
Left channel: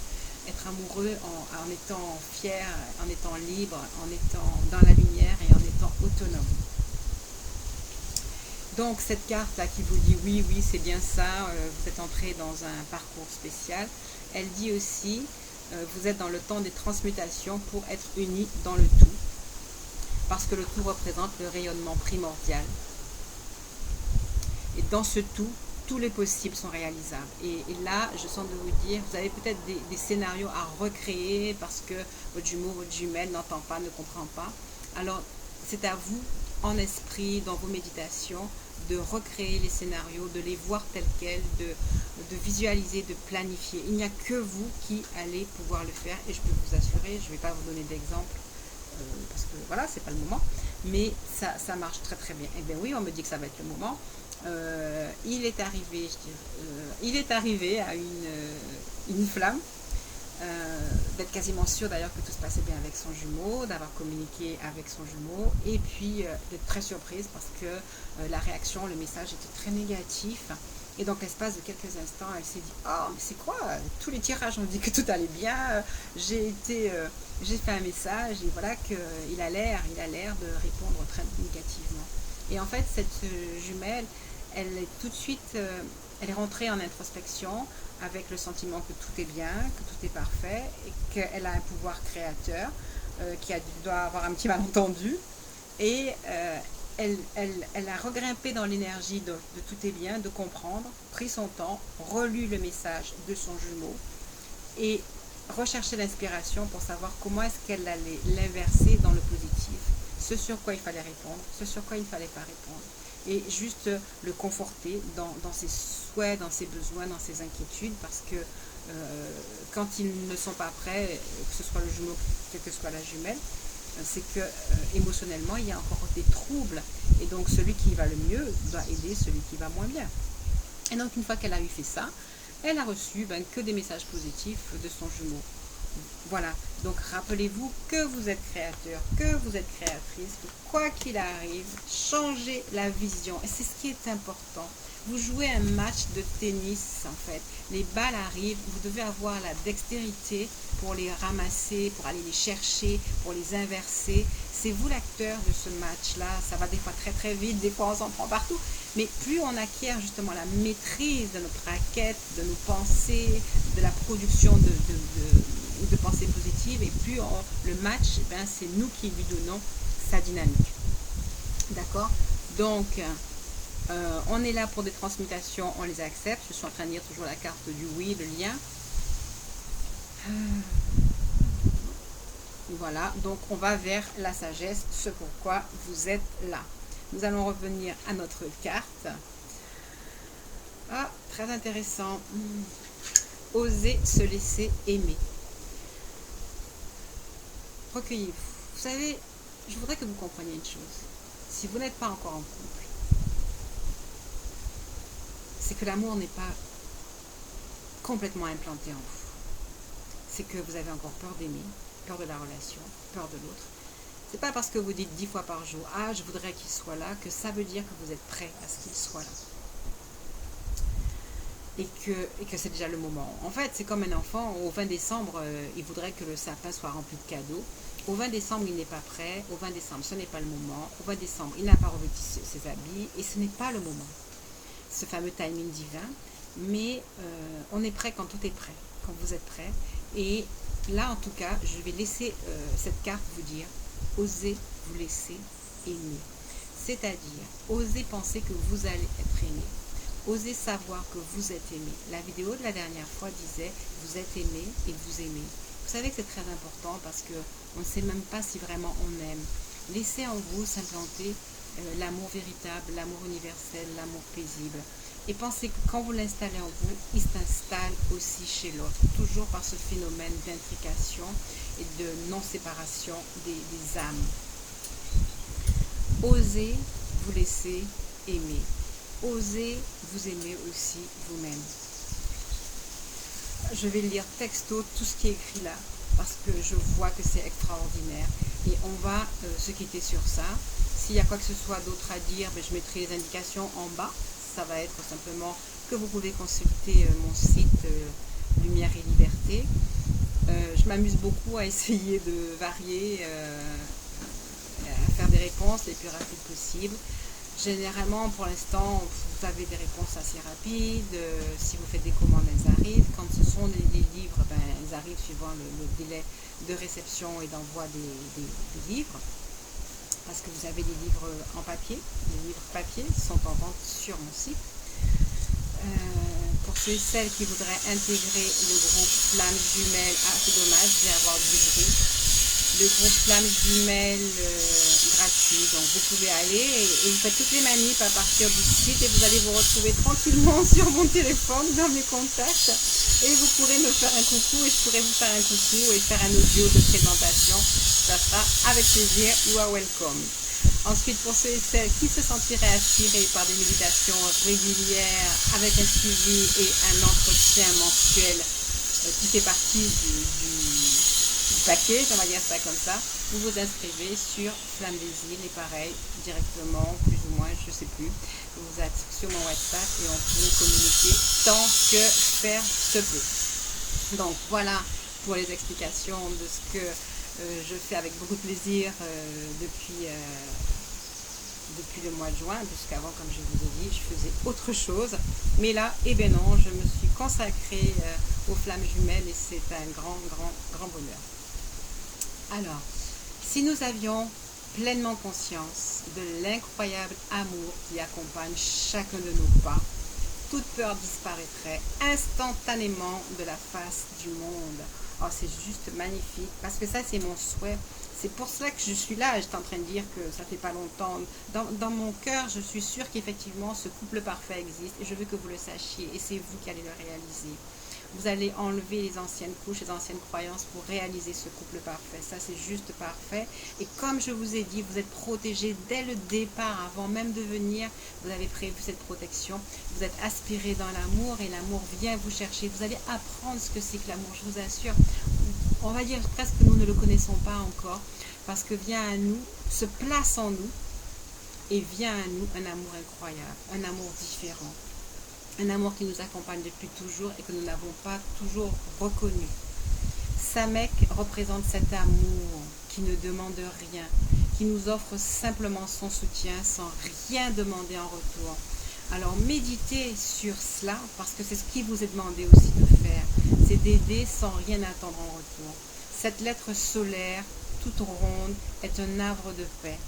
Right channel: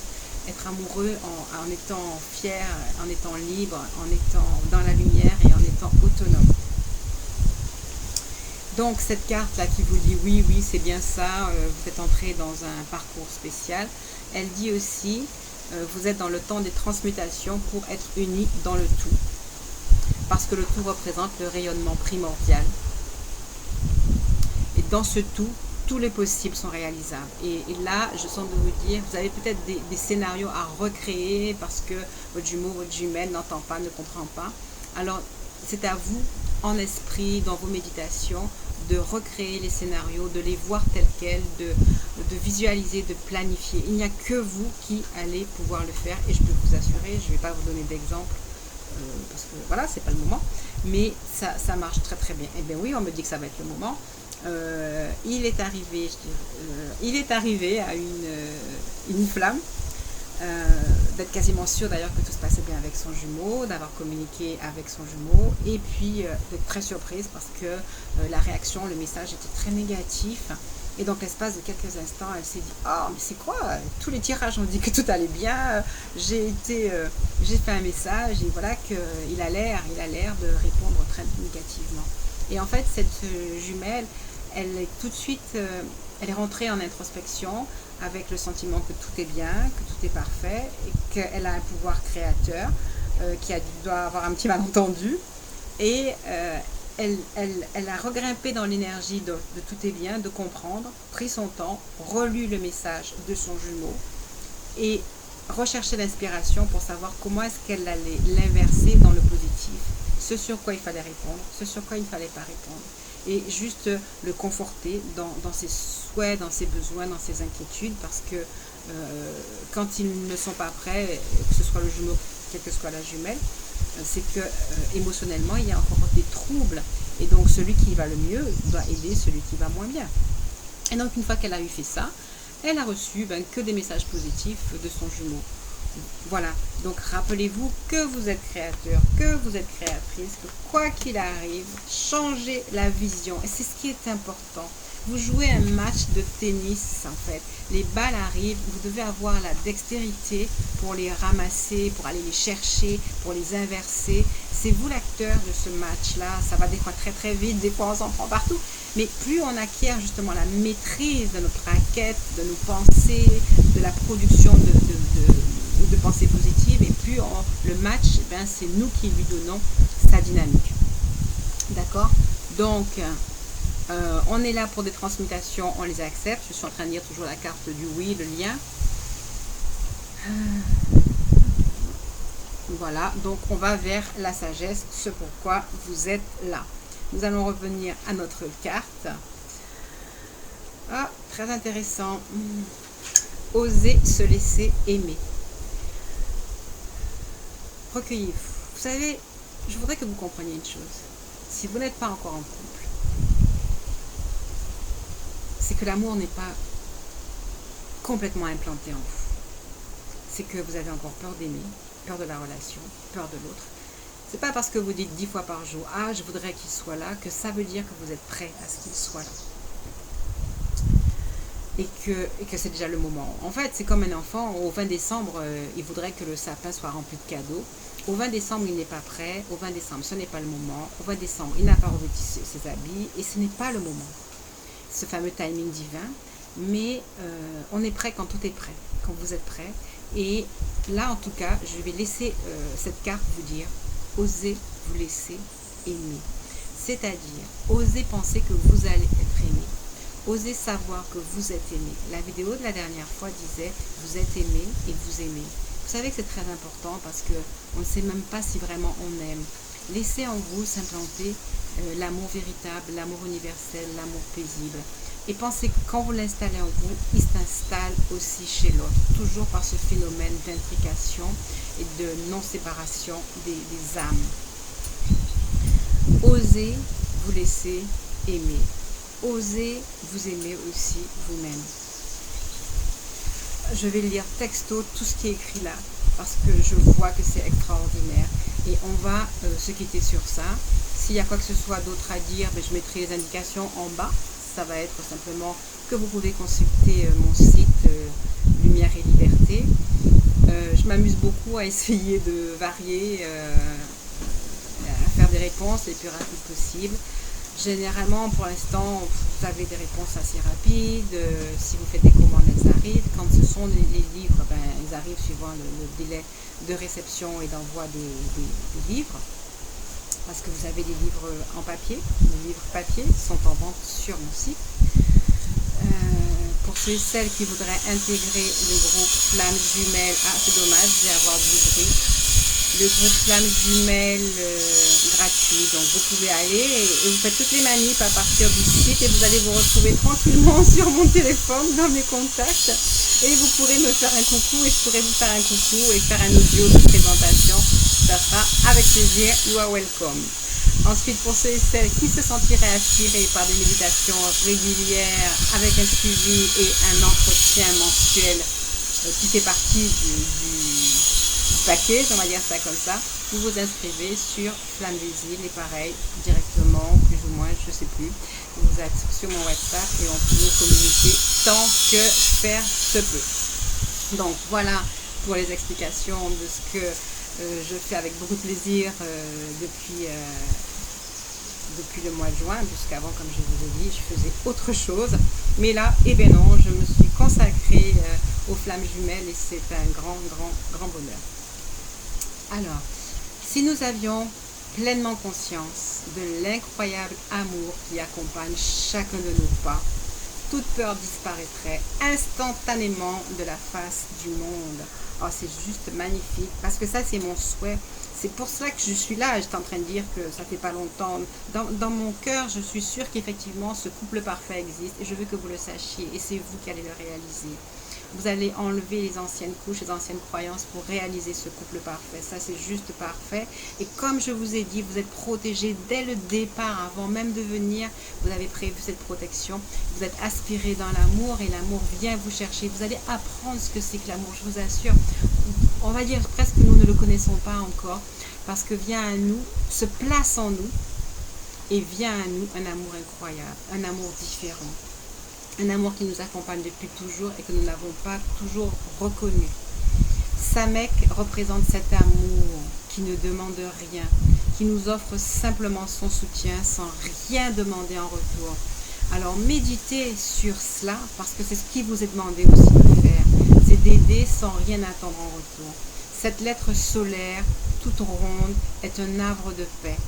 Être amoureux en étant fier, en étant libre, en étant dans la lumière et en étant autonome. Donc cette carte-là qui vous dit oui, c'est bien ça, vous êtes entré dans un parcours spécial. Elle dit aussi, vous êtes dans le temps des transmutations pour être unis dans le tout. Parce que le tout représente le rayonnement primordial. Et dans ce tout, tous les possibles sont réalisables. Et là, je sens de vous dire, vous avez peut-être des scénarios à recréer parce que votre jumeau, votre jumelle n'entend pas, ne comprend pas. Alors, c'est à vous, en esprit, dans vos méditations, de recréer les scénarios, de les voir tels quels, de visualiser, de planifier. Il n'y a que vous qui allez pouvoir le faire et je peux vous assurer, je ne vais pas vous donner d'exemple parce que voilà, c'est pas le moment, mais ça marche très très bien. Eh bien oui, on me dit que ça va être le moment. Il est arrivé à une flamme, d'être quasiment sûr d'ailleurs que tout se passait bien avec son jumeau, d'avoir communiqué avec son jumeau, et puis d'être très surprise parce que la réaction, le message était très négatif. Et donc l'espace de quelques instants, elle s'est dit « Oh, mais c'est quoi? Tous les tirages ont dit que tout allait bien, j'ai fait un message et voilà qu'il a l'air de répondre très négativement. » Et en fait, cette jumelle, elle est tout de suite, elle est rentrée en introspection avec le sentiment que tout est bien, que tout est parfait et qu'elle a un pouvoir créateur qui doit avoir un petit malentendu. Et elle a regrimpé dans l'énergie de tout est bien, de comprendre, pris son temps, relu le message de son jumeau et recherché l'inspiration pour savoir comment est-ce qu'elle allait l'inverser dans le positif, ce sur quoi il fallait répondre, ce sur quoi il ne fallait pas répondre, et juste le conforter dans ses souhaits, dans ses besoins, dans ses inquiétudes, parce que quand ils ne sont pas prêts, que ce soit le jumeau, quelle que soit la jumelle, c'est que émotionnellement il y a encore des troubles et donc celui qui va le mieux doit aider celui qui va moins bien. Et donc une fois qu'elle a eu fait ça, elle a reçu que des messages positifs de son jumeau. Voilà, donc rappelez-vous que vous êtes créateur, que vous êtes créatrice, que quoi qu'il arrive, changez la vision et c'est ce qui est important. Vous jouez un match de tennis en fait, les balles arrivent, vous devez avoir la dextérité pour les ramasser, pour aller les chercher, pour les inverser. C'est vous l'acteur de ce match-là, ça va des fois très très vite, des fois on s'en prend partout, mais plus on acquiert justement la maîtrise de notre raquette, de nos pensées, de la production de pensées positives, et plus le match, c'est nous qui lui donnons sa dynamique. D'accord? Donc, on est là pour des transmutations, on les accepte. Je suis en train de lire toujours la carte du oui, le lien. Voilà, donc on va vers la sagesse, ce pourquoi vous êtes là. Nous allons revenir à notre carte. Ah, très intéressant. Oser se laisser aimer. Recueillez-vous. Vous savez, je voudrais que vous compreniez une chose. Si vous n'êtes pas encore en couple, c'est que l'amour n'est pas complètement implanté en vous. C'est que vous avez encore peur d'aimer, peur de la relation, peur de l'autre. C'est pas parce que vous dites 10 fois par jour « Ah, je voudrais qu'il soit là » que ça veut dire que vous êtes prêt à ce qu'il soit là. Et que c'est déjà le moment. En fait, c'est comme un enfant, au 20 décembre, il voudrait que le sapin soit rempli de cadeaux. Au 20 décembre, il n'est pas prêt. Au 20 décembre, ce n'est pas le moment. Au 20 décembre, il n'a pas revêtu ses habits et ce n'est pas le moment. Ce fameux timing divin. Mais on est prêt quand tout est prêt, quand vous êtes prêt. Et là, en tout cas, je vais laisser cette carte vous dire « Osez vous laisser aimer ». C'est-à-dire, osez penser que vous allez être aimé. Osez savoir que vous êtes aimé. La vidéo de la dernière fois disait « Vous êtes aimé et vous aimez ». Vous savez que c'est très important parce qu'on ne sait même pas si vraiment on aime. Laissez en vous s'implanter l'amour véritable, l'amour universel, l'amour paisible. Et pensez que quand vous l'installez en vous, il s'installe aussi chez l'autre. Toujours par ce phénomène d'intrication et de non-séparation des âmes. Osez vous laisser aimer. Osez vous aimer aussi vous-même. Je vais lire texto tout ce qui est écrit là, parce que je vois que c'est extraordinaire. Et on va se quitter sur ça. S'il y a quoi que ce soit d'autre à dire, je mettrai les indications en bas. Ça va être simplement que vous pouvez consulter mon site Lumière et Liberté. Je m'amuse beaucoup à essayer de varier, à faire des réponses les plus rapides possibles. Généralement, pour l'instant, vous avez des réponses assez rapides. Si vous faites des commandes, elles arrivent. Quand ce sont les livres, ils arrivent suivant le délai de réception et d'envoi des livres. Parce que vous avez des livres en papier. Les livres papier sont en vente sur mon site. Pour ceux et celles qui voudraient intégrer le groupe Flamme Jumelle, ah c'est dommage, je vais avoir du bruit. le groupe Flamme Jumelle gratuit. Donc vous pouvez aller et vous faites toutes les manips à partir du site et vous allez vous retrouver tranquillement sur mon téléphone dans mes contacts et vous pourrez me faire un coucou et je pourrai vous faire un coucou et faire un audio de présentation. Ça sera avec plaisir. You are welcome. Ensuite, pour ceux et celles qui se sentiraient attirés par des méditations régulières avec un suivi et un entretien mensuel qui fait partie du package, on va dire ça comme ça, vous vous inscrivez sur Flamme des Îles et pareil, directement, plus ou moins, je ne sais plus, vous êtes sur mon WhatsApp et on peut communiquer tant que faire se peut. Donc voilà pour les explications de ce que je fais avec beaucoup de plaisir depuis le mois de juin, puisqu'avant, comme je vous ai dit, je faisais autre chose. Mais là, eh bien non, je me suis consacrée aux Flammes Jumelles et c'est un grand bonheur. Alors, si nous avions pleinement conscience de l'incroyable amour qui accompagne chacun de nos pas, toute peur disparaîtrait instantanément de la face du monde. Oh, c'est juste magnifique, parce que ça, c'est mon souhait. C'est pour cela que je suis là. J'étais en train de dire que ça fait pas longtemps. Dans mon cœur, je suis sûre qu'effectivement, ce couple parfait existe et je veux que vous le sachiez et c'est vous qui allez le réaliser. Vous allez enlever les anciennes couches, les anciennes croyances pour réaliser ce couple parfait. Ça, c'est juste parfait. Et comme je vous ai dit, vous êtes protégés dès le départ, avant même de venir. Vous avez prévu cette protection. Vous êtes aspirés dans l'amour et l'amour vient vous chercher. Vous allez apprendre ce que c'est que l'amour, je vous assure. On va dire presque que nous ne le connaissons pas encore parce que vient à nous, se place en nous et vient à nous un amour incroyable, un amour différent. Un amour qui nous accompagne depuis toujours et que nous n'avons pas toujours reconnu. Samek représente cet amour qui ne demande rien, qui nous offre simplement son soutien sans rien demander en retour. Alors méditez sur cela parce que c'est ce qui vous est demandé aussi de faire. C'est d'aider sans rien attendre en retour. Cette lettre solaire, toute ronde, est un havre de paix,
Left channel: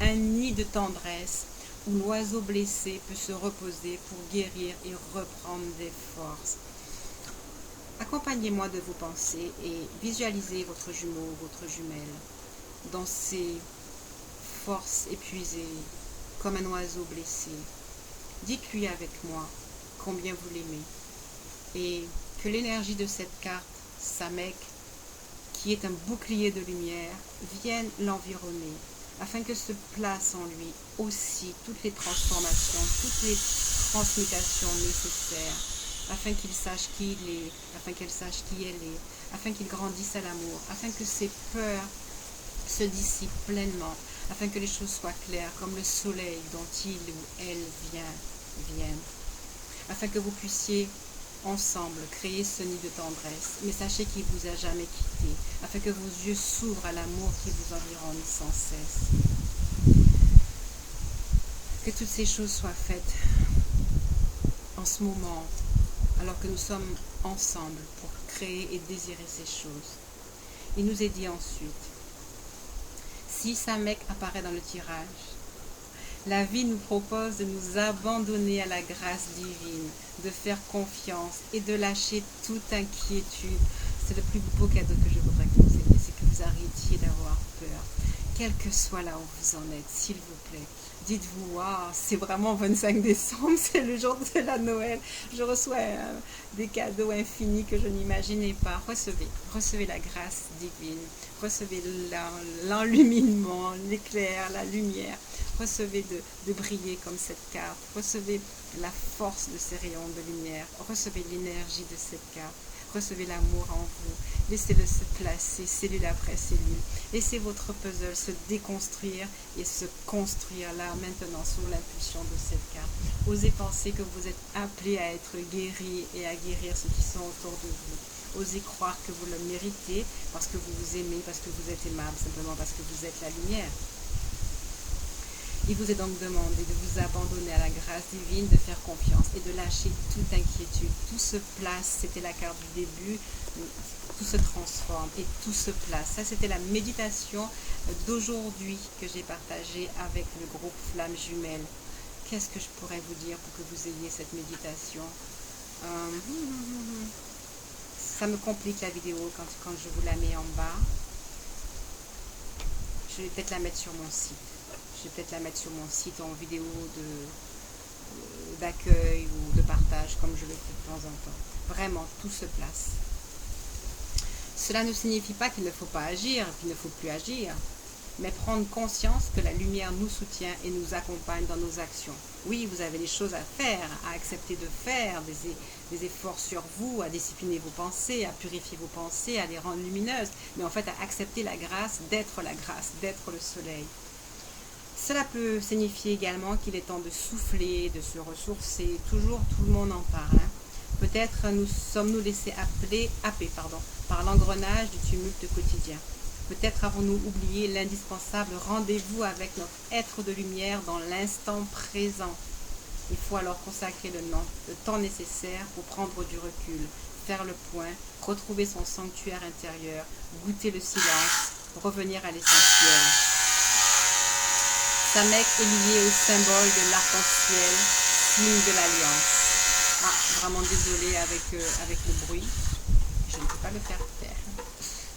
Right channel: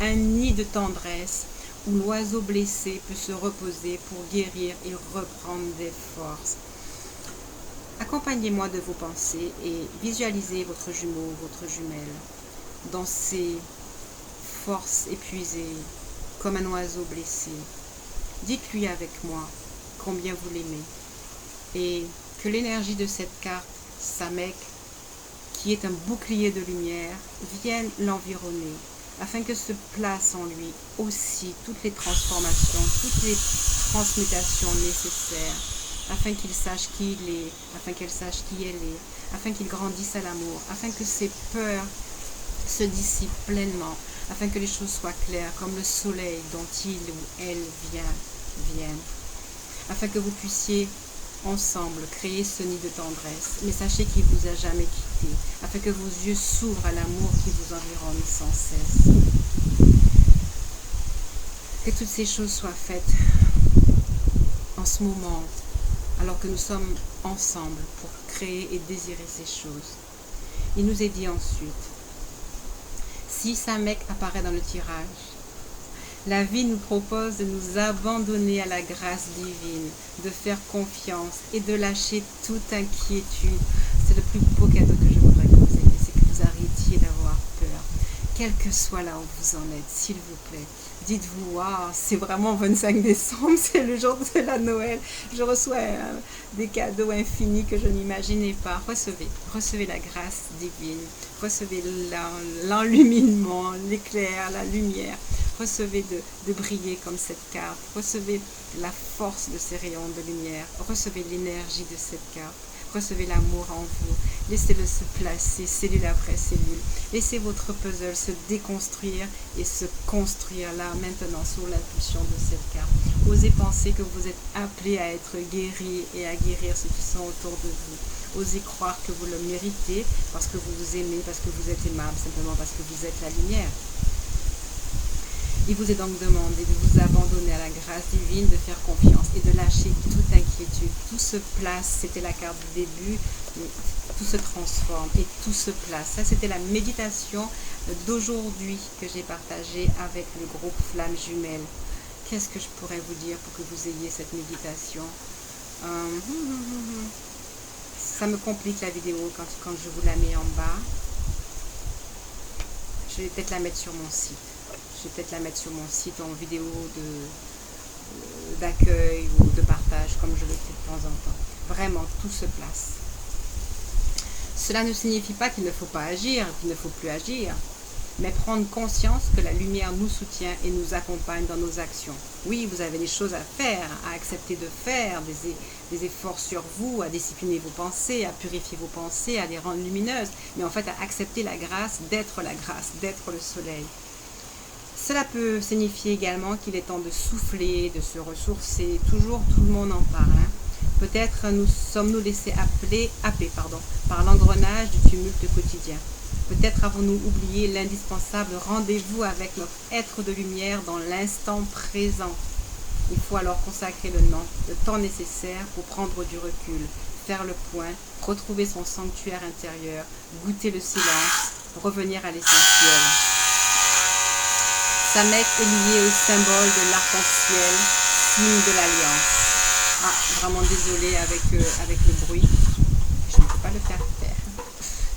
un nid de tendresse, où l'oiseau blessé peut se reposer pour guérir et reprendre des forces. Accompagnez-moi de vos pensées et visualisez votre jumeau, votre jumelle, dans ses forces épuisées, comme un oiseau blessé. Dites-lui avec moi combien vous l'aimez et que l'énergie de cette carte, Samek, qui est un bouclier de lumière, vienne l'environner, afin que se placent en lui aussi toutes les transformations, toutes les transmutations nécessaires, afin qu'il sache qui il est, afin qu'elle sache qui elle est, afin qu'il grandisse à l'amour, afin que ses peurs se dissipent pleinement, afin que les choses soient claires comme le soleil dont il ou elle viennent, afin que vous puissiez ensemble créer ce nid de tendresse, mais sachez qu'il ne vous a jamais quitté, afin que vos yeux s'ouvrent à l'amour qui vous environne sans cesse. Que toutes ces choses soient faites en ce moment, alors que nous sommes ensemble pour créer et désirer ces choses. Il nous est dit ensuite, si Samek apparaît dans le tirage, la vie nous propose de nous abandonner à la grâce divine, de faire confiance et de lâcher toute inquiétude. C'est le plus beau cadeau que je voudrais que vous ayez, c'est que vous arrêtiez d'avoir peur. Quel que soit là où vous en êtes, s'il vous plaît, dites-vous, waouh, c'est vraiment 25 décembre, c'est le jour de la Noël. Je reçois des cadeaux infinis que je n'imaginais pas. Recevez la grâce divine, recevez l'enluminement, l'éclair, la lumière. Recevez de briller comme cette carte. Recevez la force de ces rayons de lumière. Recevez l'énergie de cette carte. Recevez l'amour en vous. Laissez-le se placer cellule après cellule. Laissez votre puzzle se déconstruire et se construire là, maintenant, sous l'impulsion de cette carte. Osez penser que vous êtes appelé à être guéri et à guérir ceux qui sont autour de vous. Osez croire que vous le méritez parce que vous vous aimez, parce que vous êtes aimable, simplement parce que vous êtes la lumière. Il vous est donc demandé de vous abandonner à la grâce divine, de faire confiance et de lâcher toute inquiétude. Tout se place, c'était la carte du début, tout se transforme et tout se place. Ça, c'était la méditation d'aujourd'hui que j'ai partagée avec le groupe Flamme Jumelle. Qu'est-ce que je pourrais vous dire pour que vous ayez cette méditation? Ça me complique la vidéo quand je vous la mets en bas. je vais peut-être la mettre sur mon site. Je vais peut-être la mettre sur mon site en vidéo d'accueil ou de partage, comme je le fais de temps en temps. Vraiment, tout se place. Cela ne signifie pas qu'il ne faut pas agir, qu'il ne faut plus agir, mais prendre conscience que la lumière nous soutient et nous accompagne dans nos actions. Oui, vous avez des choses à faire, à accepter de faire, des efforts sur vous, à discipliner vos pensées, à purifier vos pensées, à les rendre lumineuses, mais en fait à accepter la grâce, d'être le soleil. Cela peut signifier également qu'il est temps de souffler, de se ressourcer. Toujours, tout le monde en parle. Peut-être sommes-nous laissés happer par l'engrenage du tumulte quotidien. Peut-être avons-nous oublié l'indispensable rendez-vous avec notre être de lumière dans l'instant présent. Il faut alors consacrer le temps nécessaire pour prendre du recul, faire le point, retrouver son sanctuaire intérieur, goûter le silence, revenir à l'essentiel. Samek est lié au symbole de l'arc-en-ciel, signe de l'alliance. Ah, vraiment désolée avec le bruit, je ne peux pas le faire taire.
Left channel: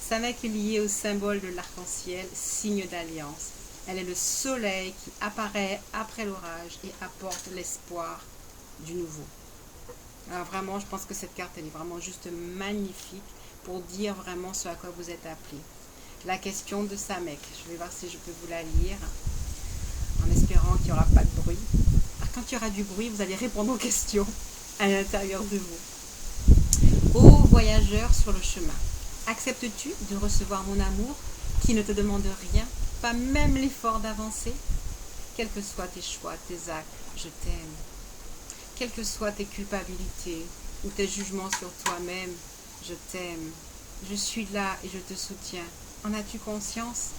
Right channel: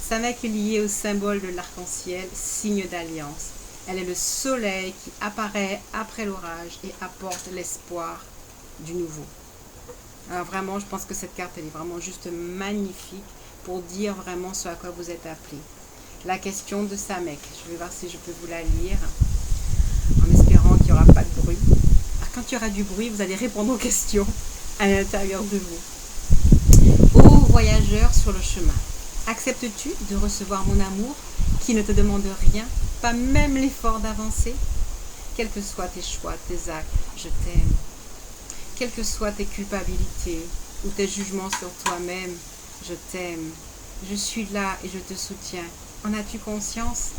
Samek est lié au symbole de l'arc-en-ciel, signe d'alliance. Elle est le soleil qui apparaît après l'orage et apporte l'espoir du nouveau. Alors vraiment, je pense que cette carte, elle est vraiment juste magnifique pour dire vraiment ce à quoi vous êtes appelé. La question de Samek, je vais voir si je peux vous la lire, en espérant qu'il n'y aura pas de bruit. Alors, quand il y aura du bruit, vous allez répondre aux questions à l'intérieur de vous. Ô voyageur sur le chemin, acceptes-tu de recevoir mon amour qui ne te demande rien, pas même l'effort d'avancer? Quels que soient tes choix, tes actes, je t'aime. Quelles que soient tes culpabilités ou tes jugements sur toi-même, je t'aime. Je suis là et je te soutiens. En as-tu conscience?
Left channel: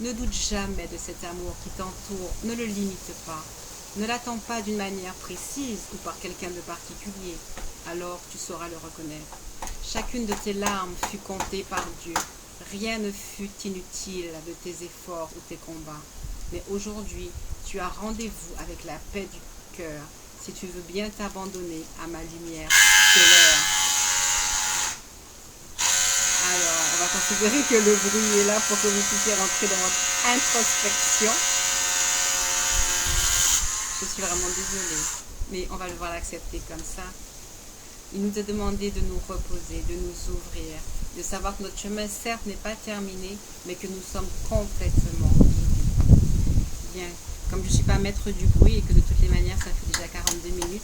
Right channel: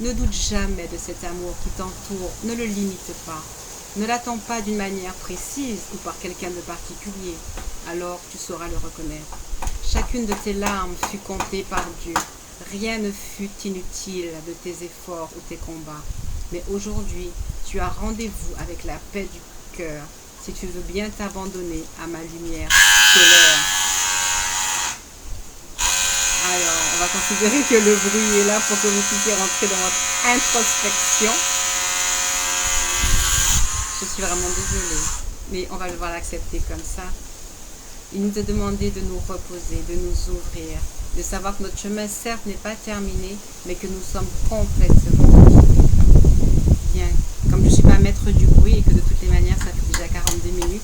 Ne doute jamais de cet amour qui t'entoure, ne le limite pas. Ne l'attends pas d'une manière précise ou par quelqu'un de particulier, alors tu sauras le reconnaître. Chacune de tes larmes fut comptée par Dieu. Rien ne fut inutile de tes efforts ou tes combats. Mais aujourd'hui, tu as rendez-vous avec la paix du cœur si tu veux bien t'abandonner à ma lumière solaire. Alors, on va considérer que le bruit est là pour que vous puissiez rentrer dans votre introspection. Je suis vraiment désolée, mais on va devoir l'accepter comme ça. Il nous a demandé de nous reposer, de nous ouvrir, de savoir que notre chemin, certes, n'est pas terminé, mais que nous sommes complètement guidés. Bien, comme je ne suis pas maître du bruit et que de toutes les manières, ça fait déjà 42 minutes,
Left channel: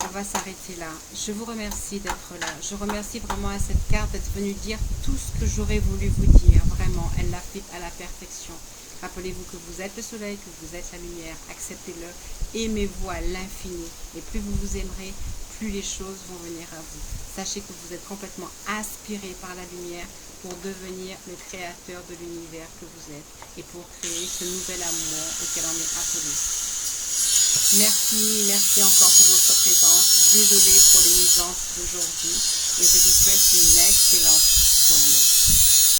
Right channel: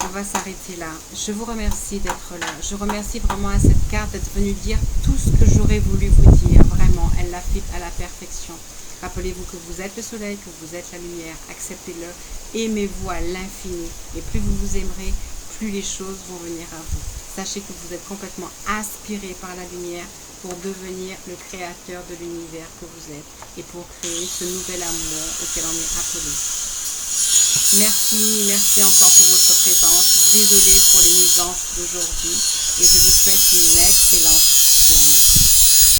on va s'arrêter là. Je vous remercie d'être là. Je remercie vraiment à cette carte d'être venue dire tout ce que j'aurais voulu vous dire. Vraiment, elle l'a fait à la perfection. Rappelez-vous que vous êtes le soleil, que vous êtes la lumière. Acceptez-le. Aimez-vous à l'infini. Et plus vous vous aimerez, plus les choses vont venir à vous. Sachez que vous êtes complètement aspiré par la lumière pour devenir le créateur de l'univers que vous êtes et pour créer ce nouvel amour auquel on est appelé. Merci encore pour votre présence. Désolée pour les nuisances d'aujourd'hui et je vous souhaite une excellente journée.